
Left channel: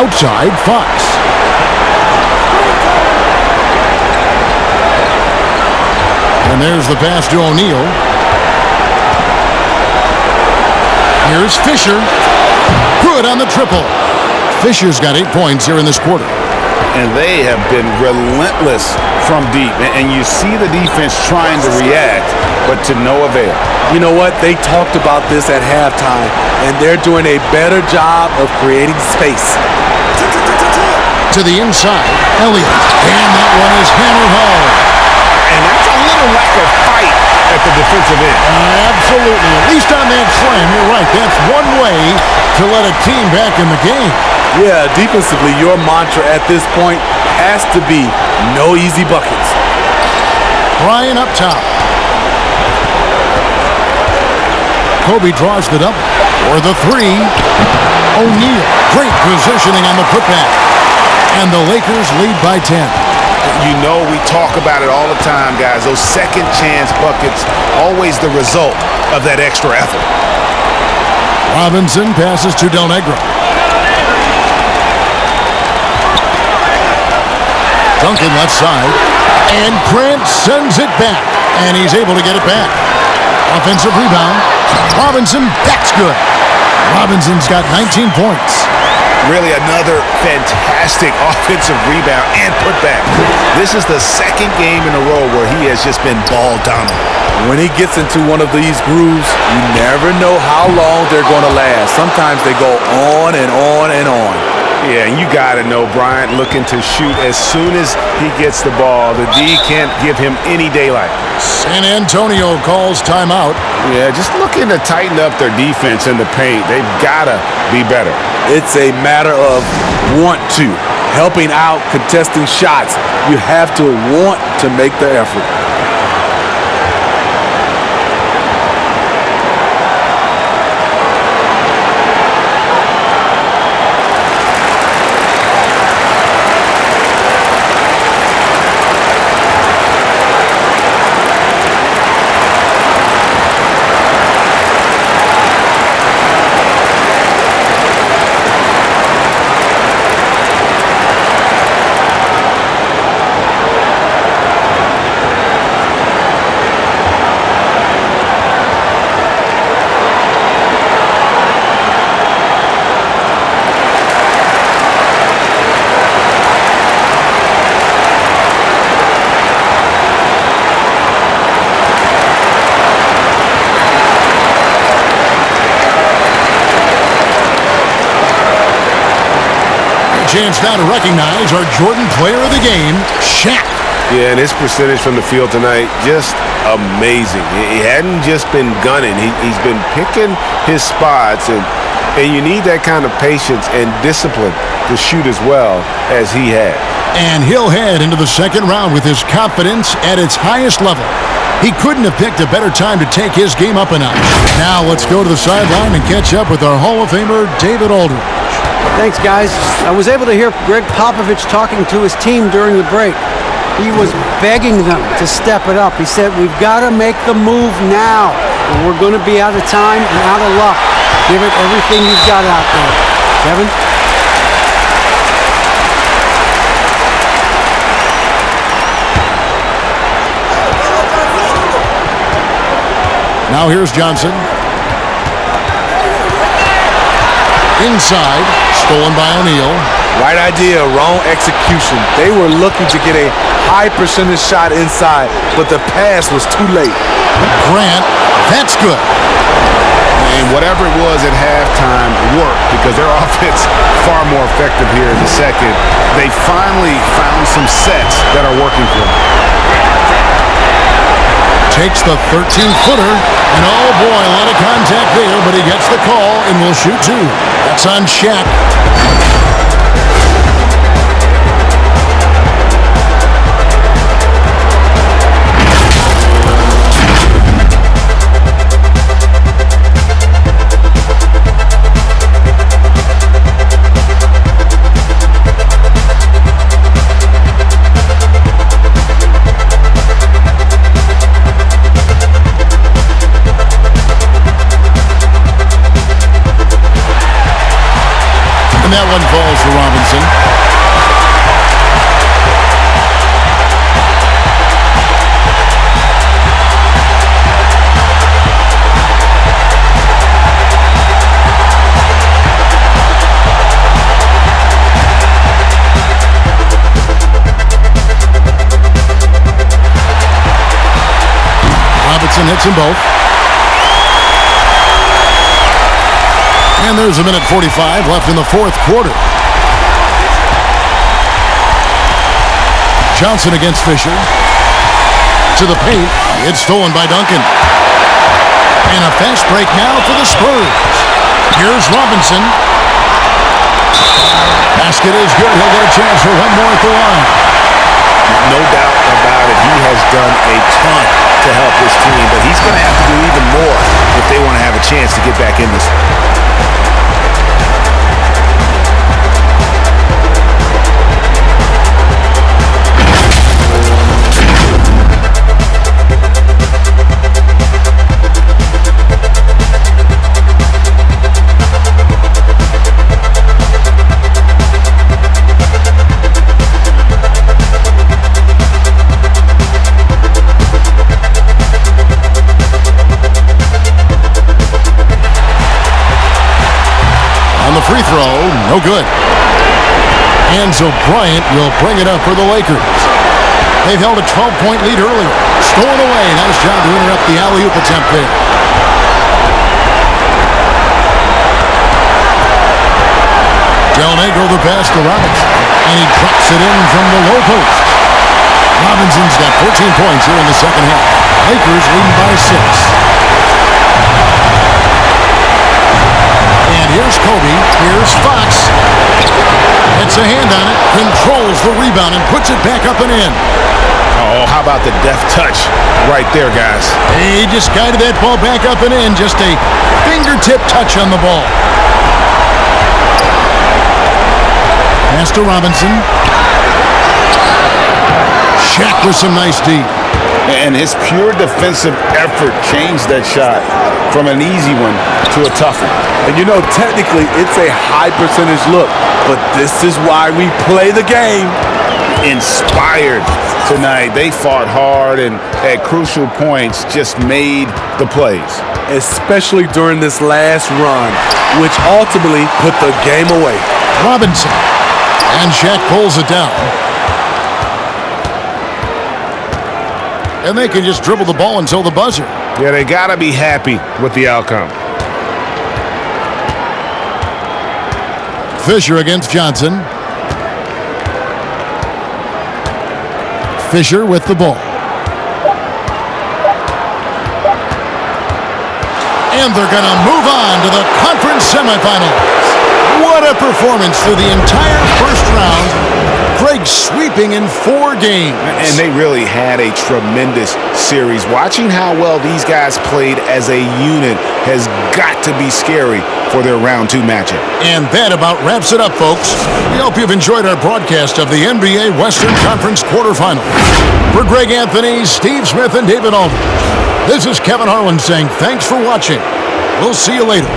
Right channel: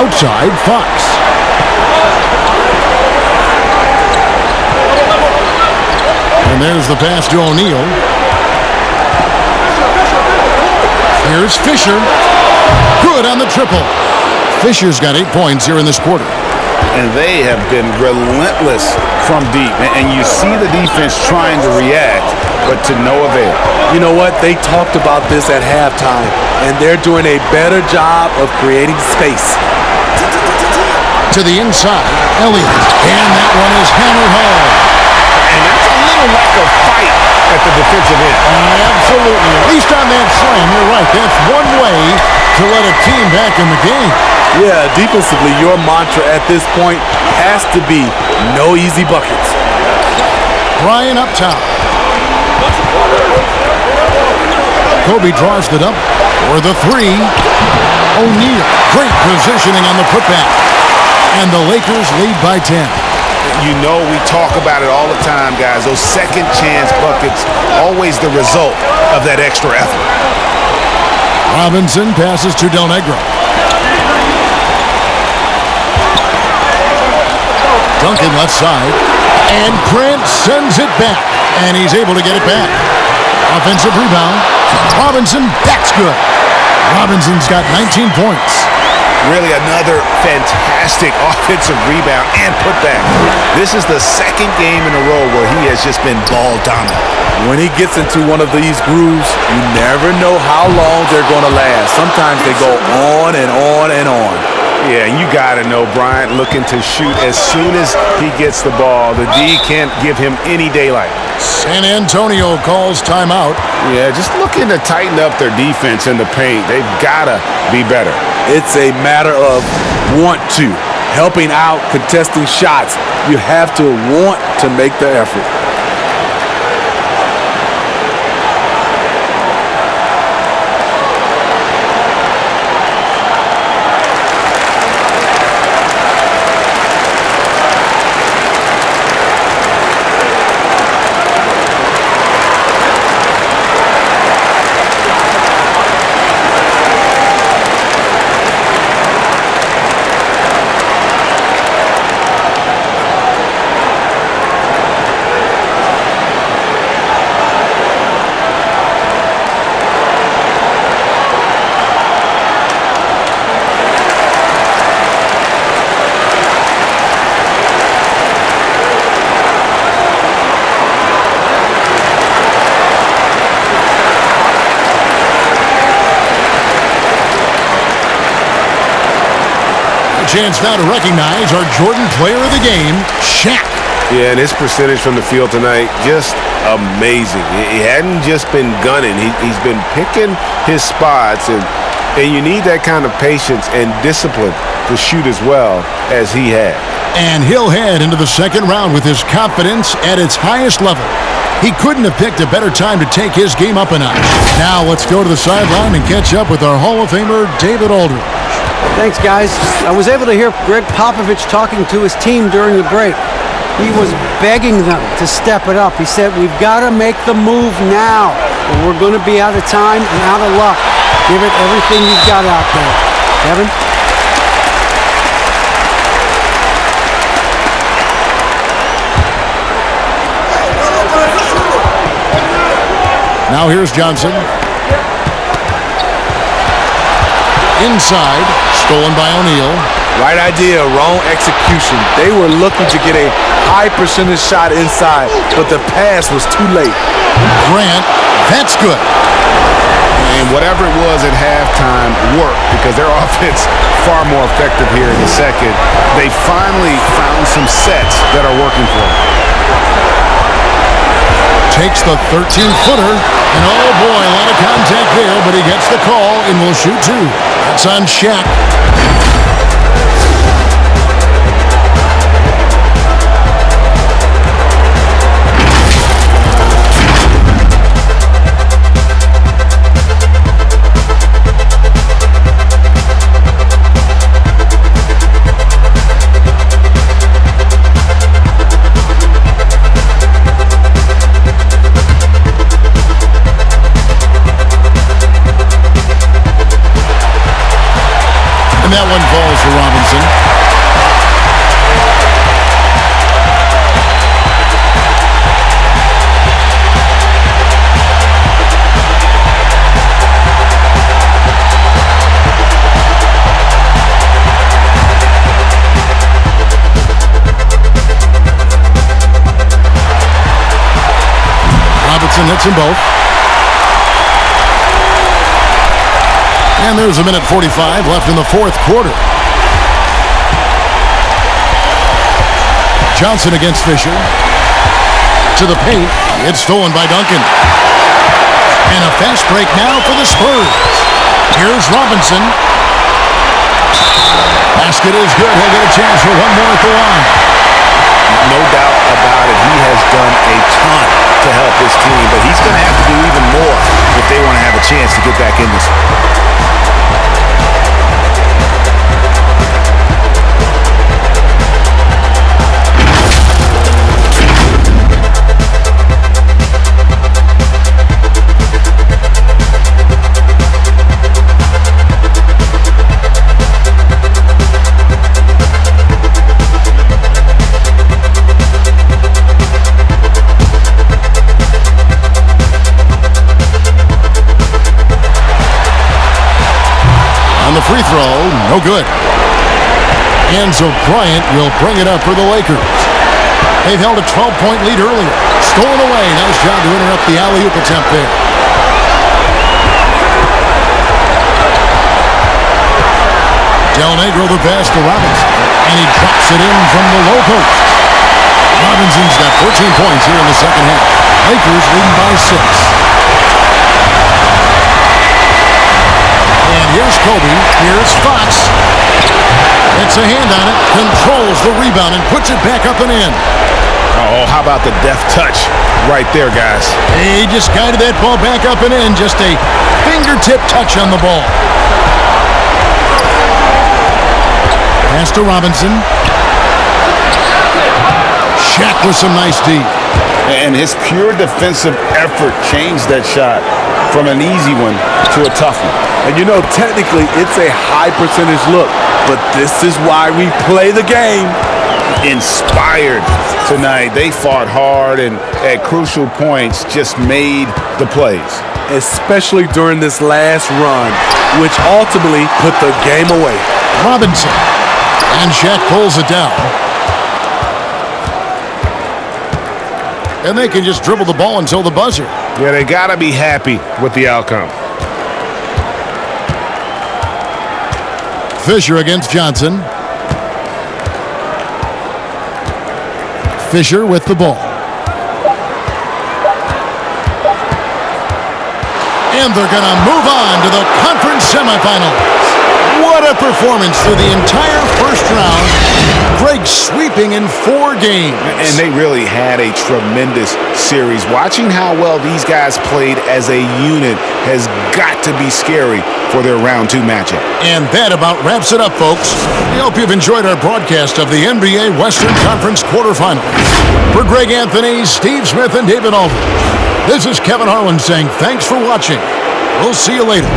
Outside, Fox. And there's the pass to O'Neal. Here's Fisher. Good on the triple. Fisher's got 8 points here in this quarter. And they have been relentless from deep. And you see the defense trying to react, but to no avail. You know what? They talked about this at halftime, and they're doing a better job of creating space. To the inside, Elliott. And that one is hammered home. And that's a little lack of fight at the defensive end. Absolutely. At least on that slam, you're right. That's one way to let a team back in the game. Yeah, defensively, your mantra at this point has to be no easy buckets. Bryant up top. Kobe draws the double. For the 3, O'Neal. Great positioning on the putback. And the Lakers lead by 10. You know, we talk about it all the time, guys. Those second chance buckets, always the result of that extra effort. Robinson passes to Del Negro. Duncan left side. And Grant sends it back. And he's able to get it back. Offensive rebound. Robinson, that's good. Robinson's got 19 points. Really another fantastic offensive rebound and putback. This is the second game in a row where he has just been ball dominant. When he gets into one of these grooves, you never know how long they're going to last. Sometimes they go on and on and on. Yeah, and you got to know Bryant looking to shoot as soon as he gets the ball. The D can't give him any daylight. San Antonio calls timeout. Yeah, just looking to tighten up their defense in the paint. They've got to be better. It's a matter of want to. helping out, contesting shots. You have to want to make the effort. Chance now to recognize our Jordan player of the game, Shaq. Yeah, and his percentage from the field tonight, just amazing. He hadn't just been gunning. He's been picking his spots, and you need that kind of patience and discipline to shoot as well as he had. And he'll head into the second round with his confidence at its highest level. He couldn't have picked a better time to take his game up a notch. Now let's go to the sideline and catch up with our Hall of Famer, David Aldridge. Thanks, guys. I was able to hear Greg Popovich talking to his team during the break. He was begging them to step it up. He said, we've got to make the move now, or we're going to be out of time and out of luck. Give it everything you've got out there. Kevin? Now here's Johnson. Inside, stolen by O'Neal. Right idea, wrong execution. They were looking to get a high percentage shot inside, but the pass was too late. Grant, that's good. And whatever it was at halftime worked because their offense far more effective here in the second. They finally found some sets that are working for them. Takes the 13-footer, and oh boy, a lot of contact there, but he gets the call and will shoot two. That's on Shaq. That one falls for Robinson. Robinson hits them both. And there's a minute 45 left in the fourth quarter. Johnson against Fisher. To the paint. It's stolen by Duncan. And a fast break now for the Spurs. Here's Robinson. Basket is good. He'll get a chance for one more at the line. No doubt about it. He has done a ton to help his team, but he's going to have to do even more if they want to have a chance to get back in this. On the free throw, no good. Enzo Bryant will bring it up for the Lakers. They've held a 12-point lead earlier. Stolen away. Nice job to interrupt the alley-oop attempt there. Del Negro the pass to Robinson. And he drops it in from the low post. Robinson's got 14 points here in the second half. Lakers leading by 6. And here's Kobe. Here's Fox. Gets a hand on it, controls the rebound, and puts it back up and in. Oh, how about the deft touch right there, guys? He just guided that ball back up and in. Just a fingertip touch on the ball. Pass to Robinson. Shaq with some nice D. And his pure defensive effort changed that shot from an easy one to a tough one. And you know, technically, it's a high percentage look, but this is why we play the game. Inspired tonight. They fought hard and at crucial points just made the plays. Especially during this last run, which ultimately put the game away. Robinson. And Shaq pulls it down. And they can just dribble the ball until the buzzer. Yeah, they got to be happy with the outcome. Fisher against Johnson. Fisher with the ball. And they're going to move on to the conference semifinals. What a performance through the entire first round. Greg sweeping in 4 games. And they really had a tremendous series. Watching how well these guys played as a unit has got to be scary for their round 2 matchup. And that about wraps it up, folks. We hope you've enjoyed our broadcast of the NBA Western Conference quarterfinals. For Greg Anthony, Steve Smith, and David Aldridge, this is Kevin Harlan saying thanks for watching. We'll see you later.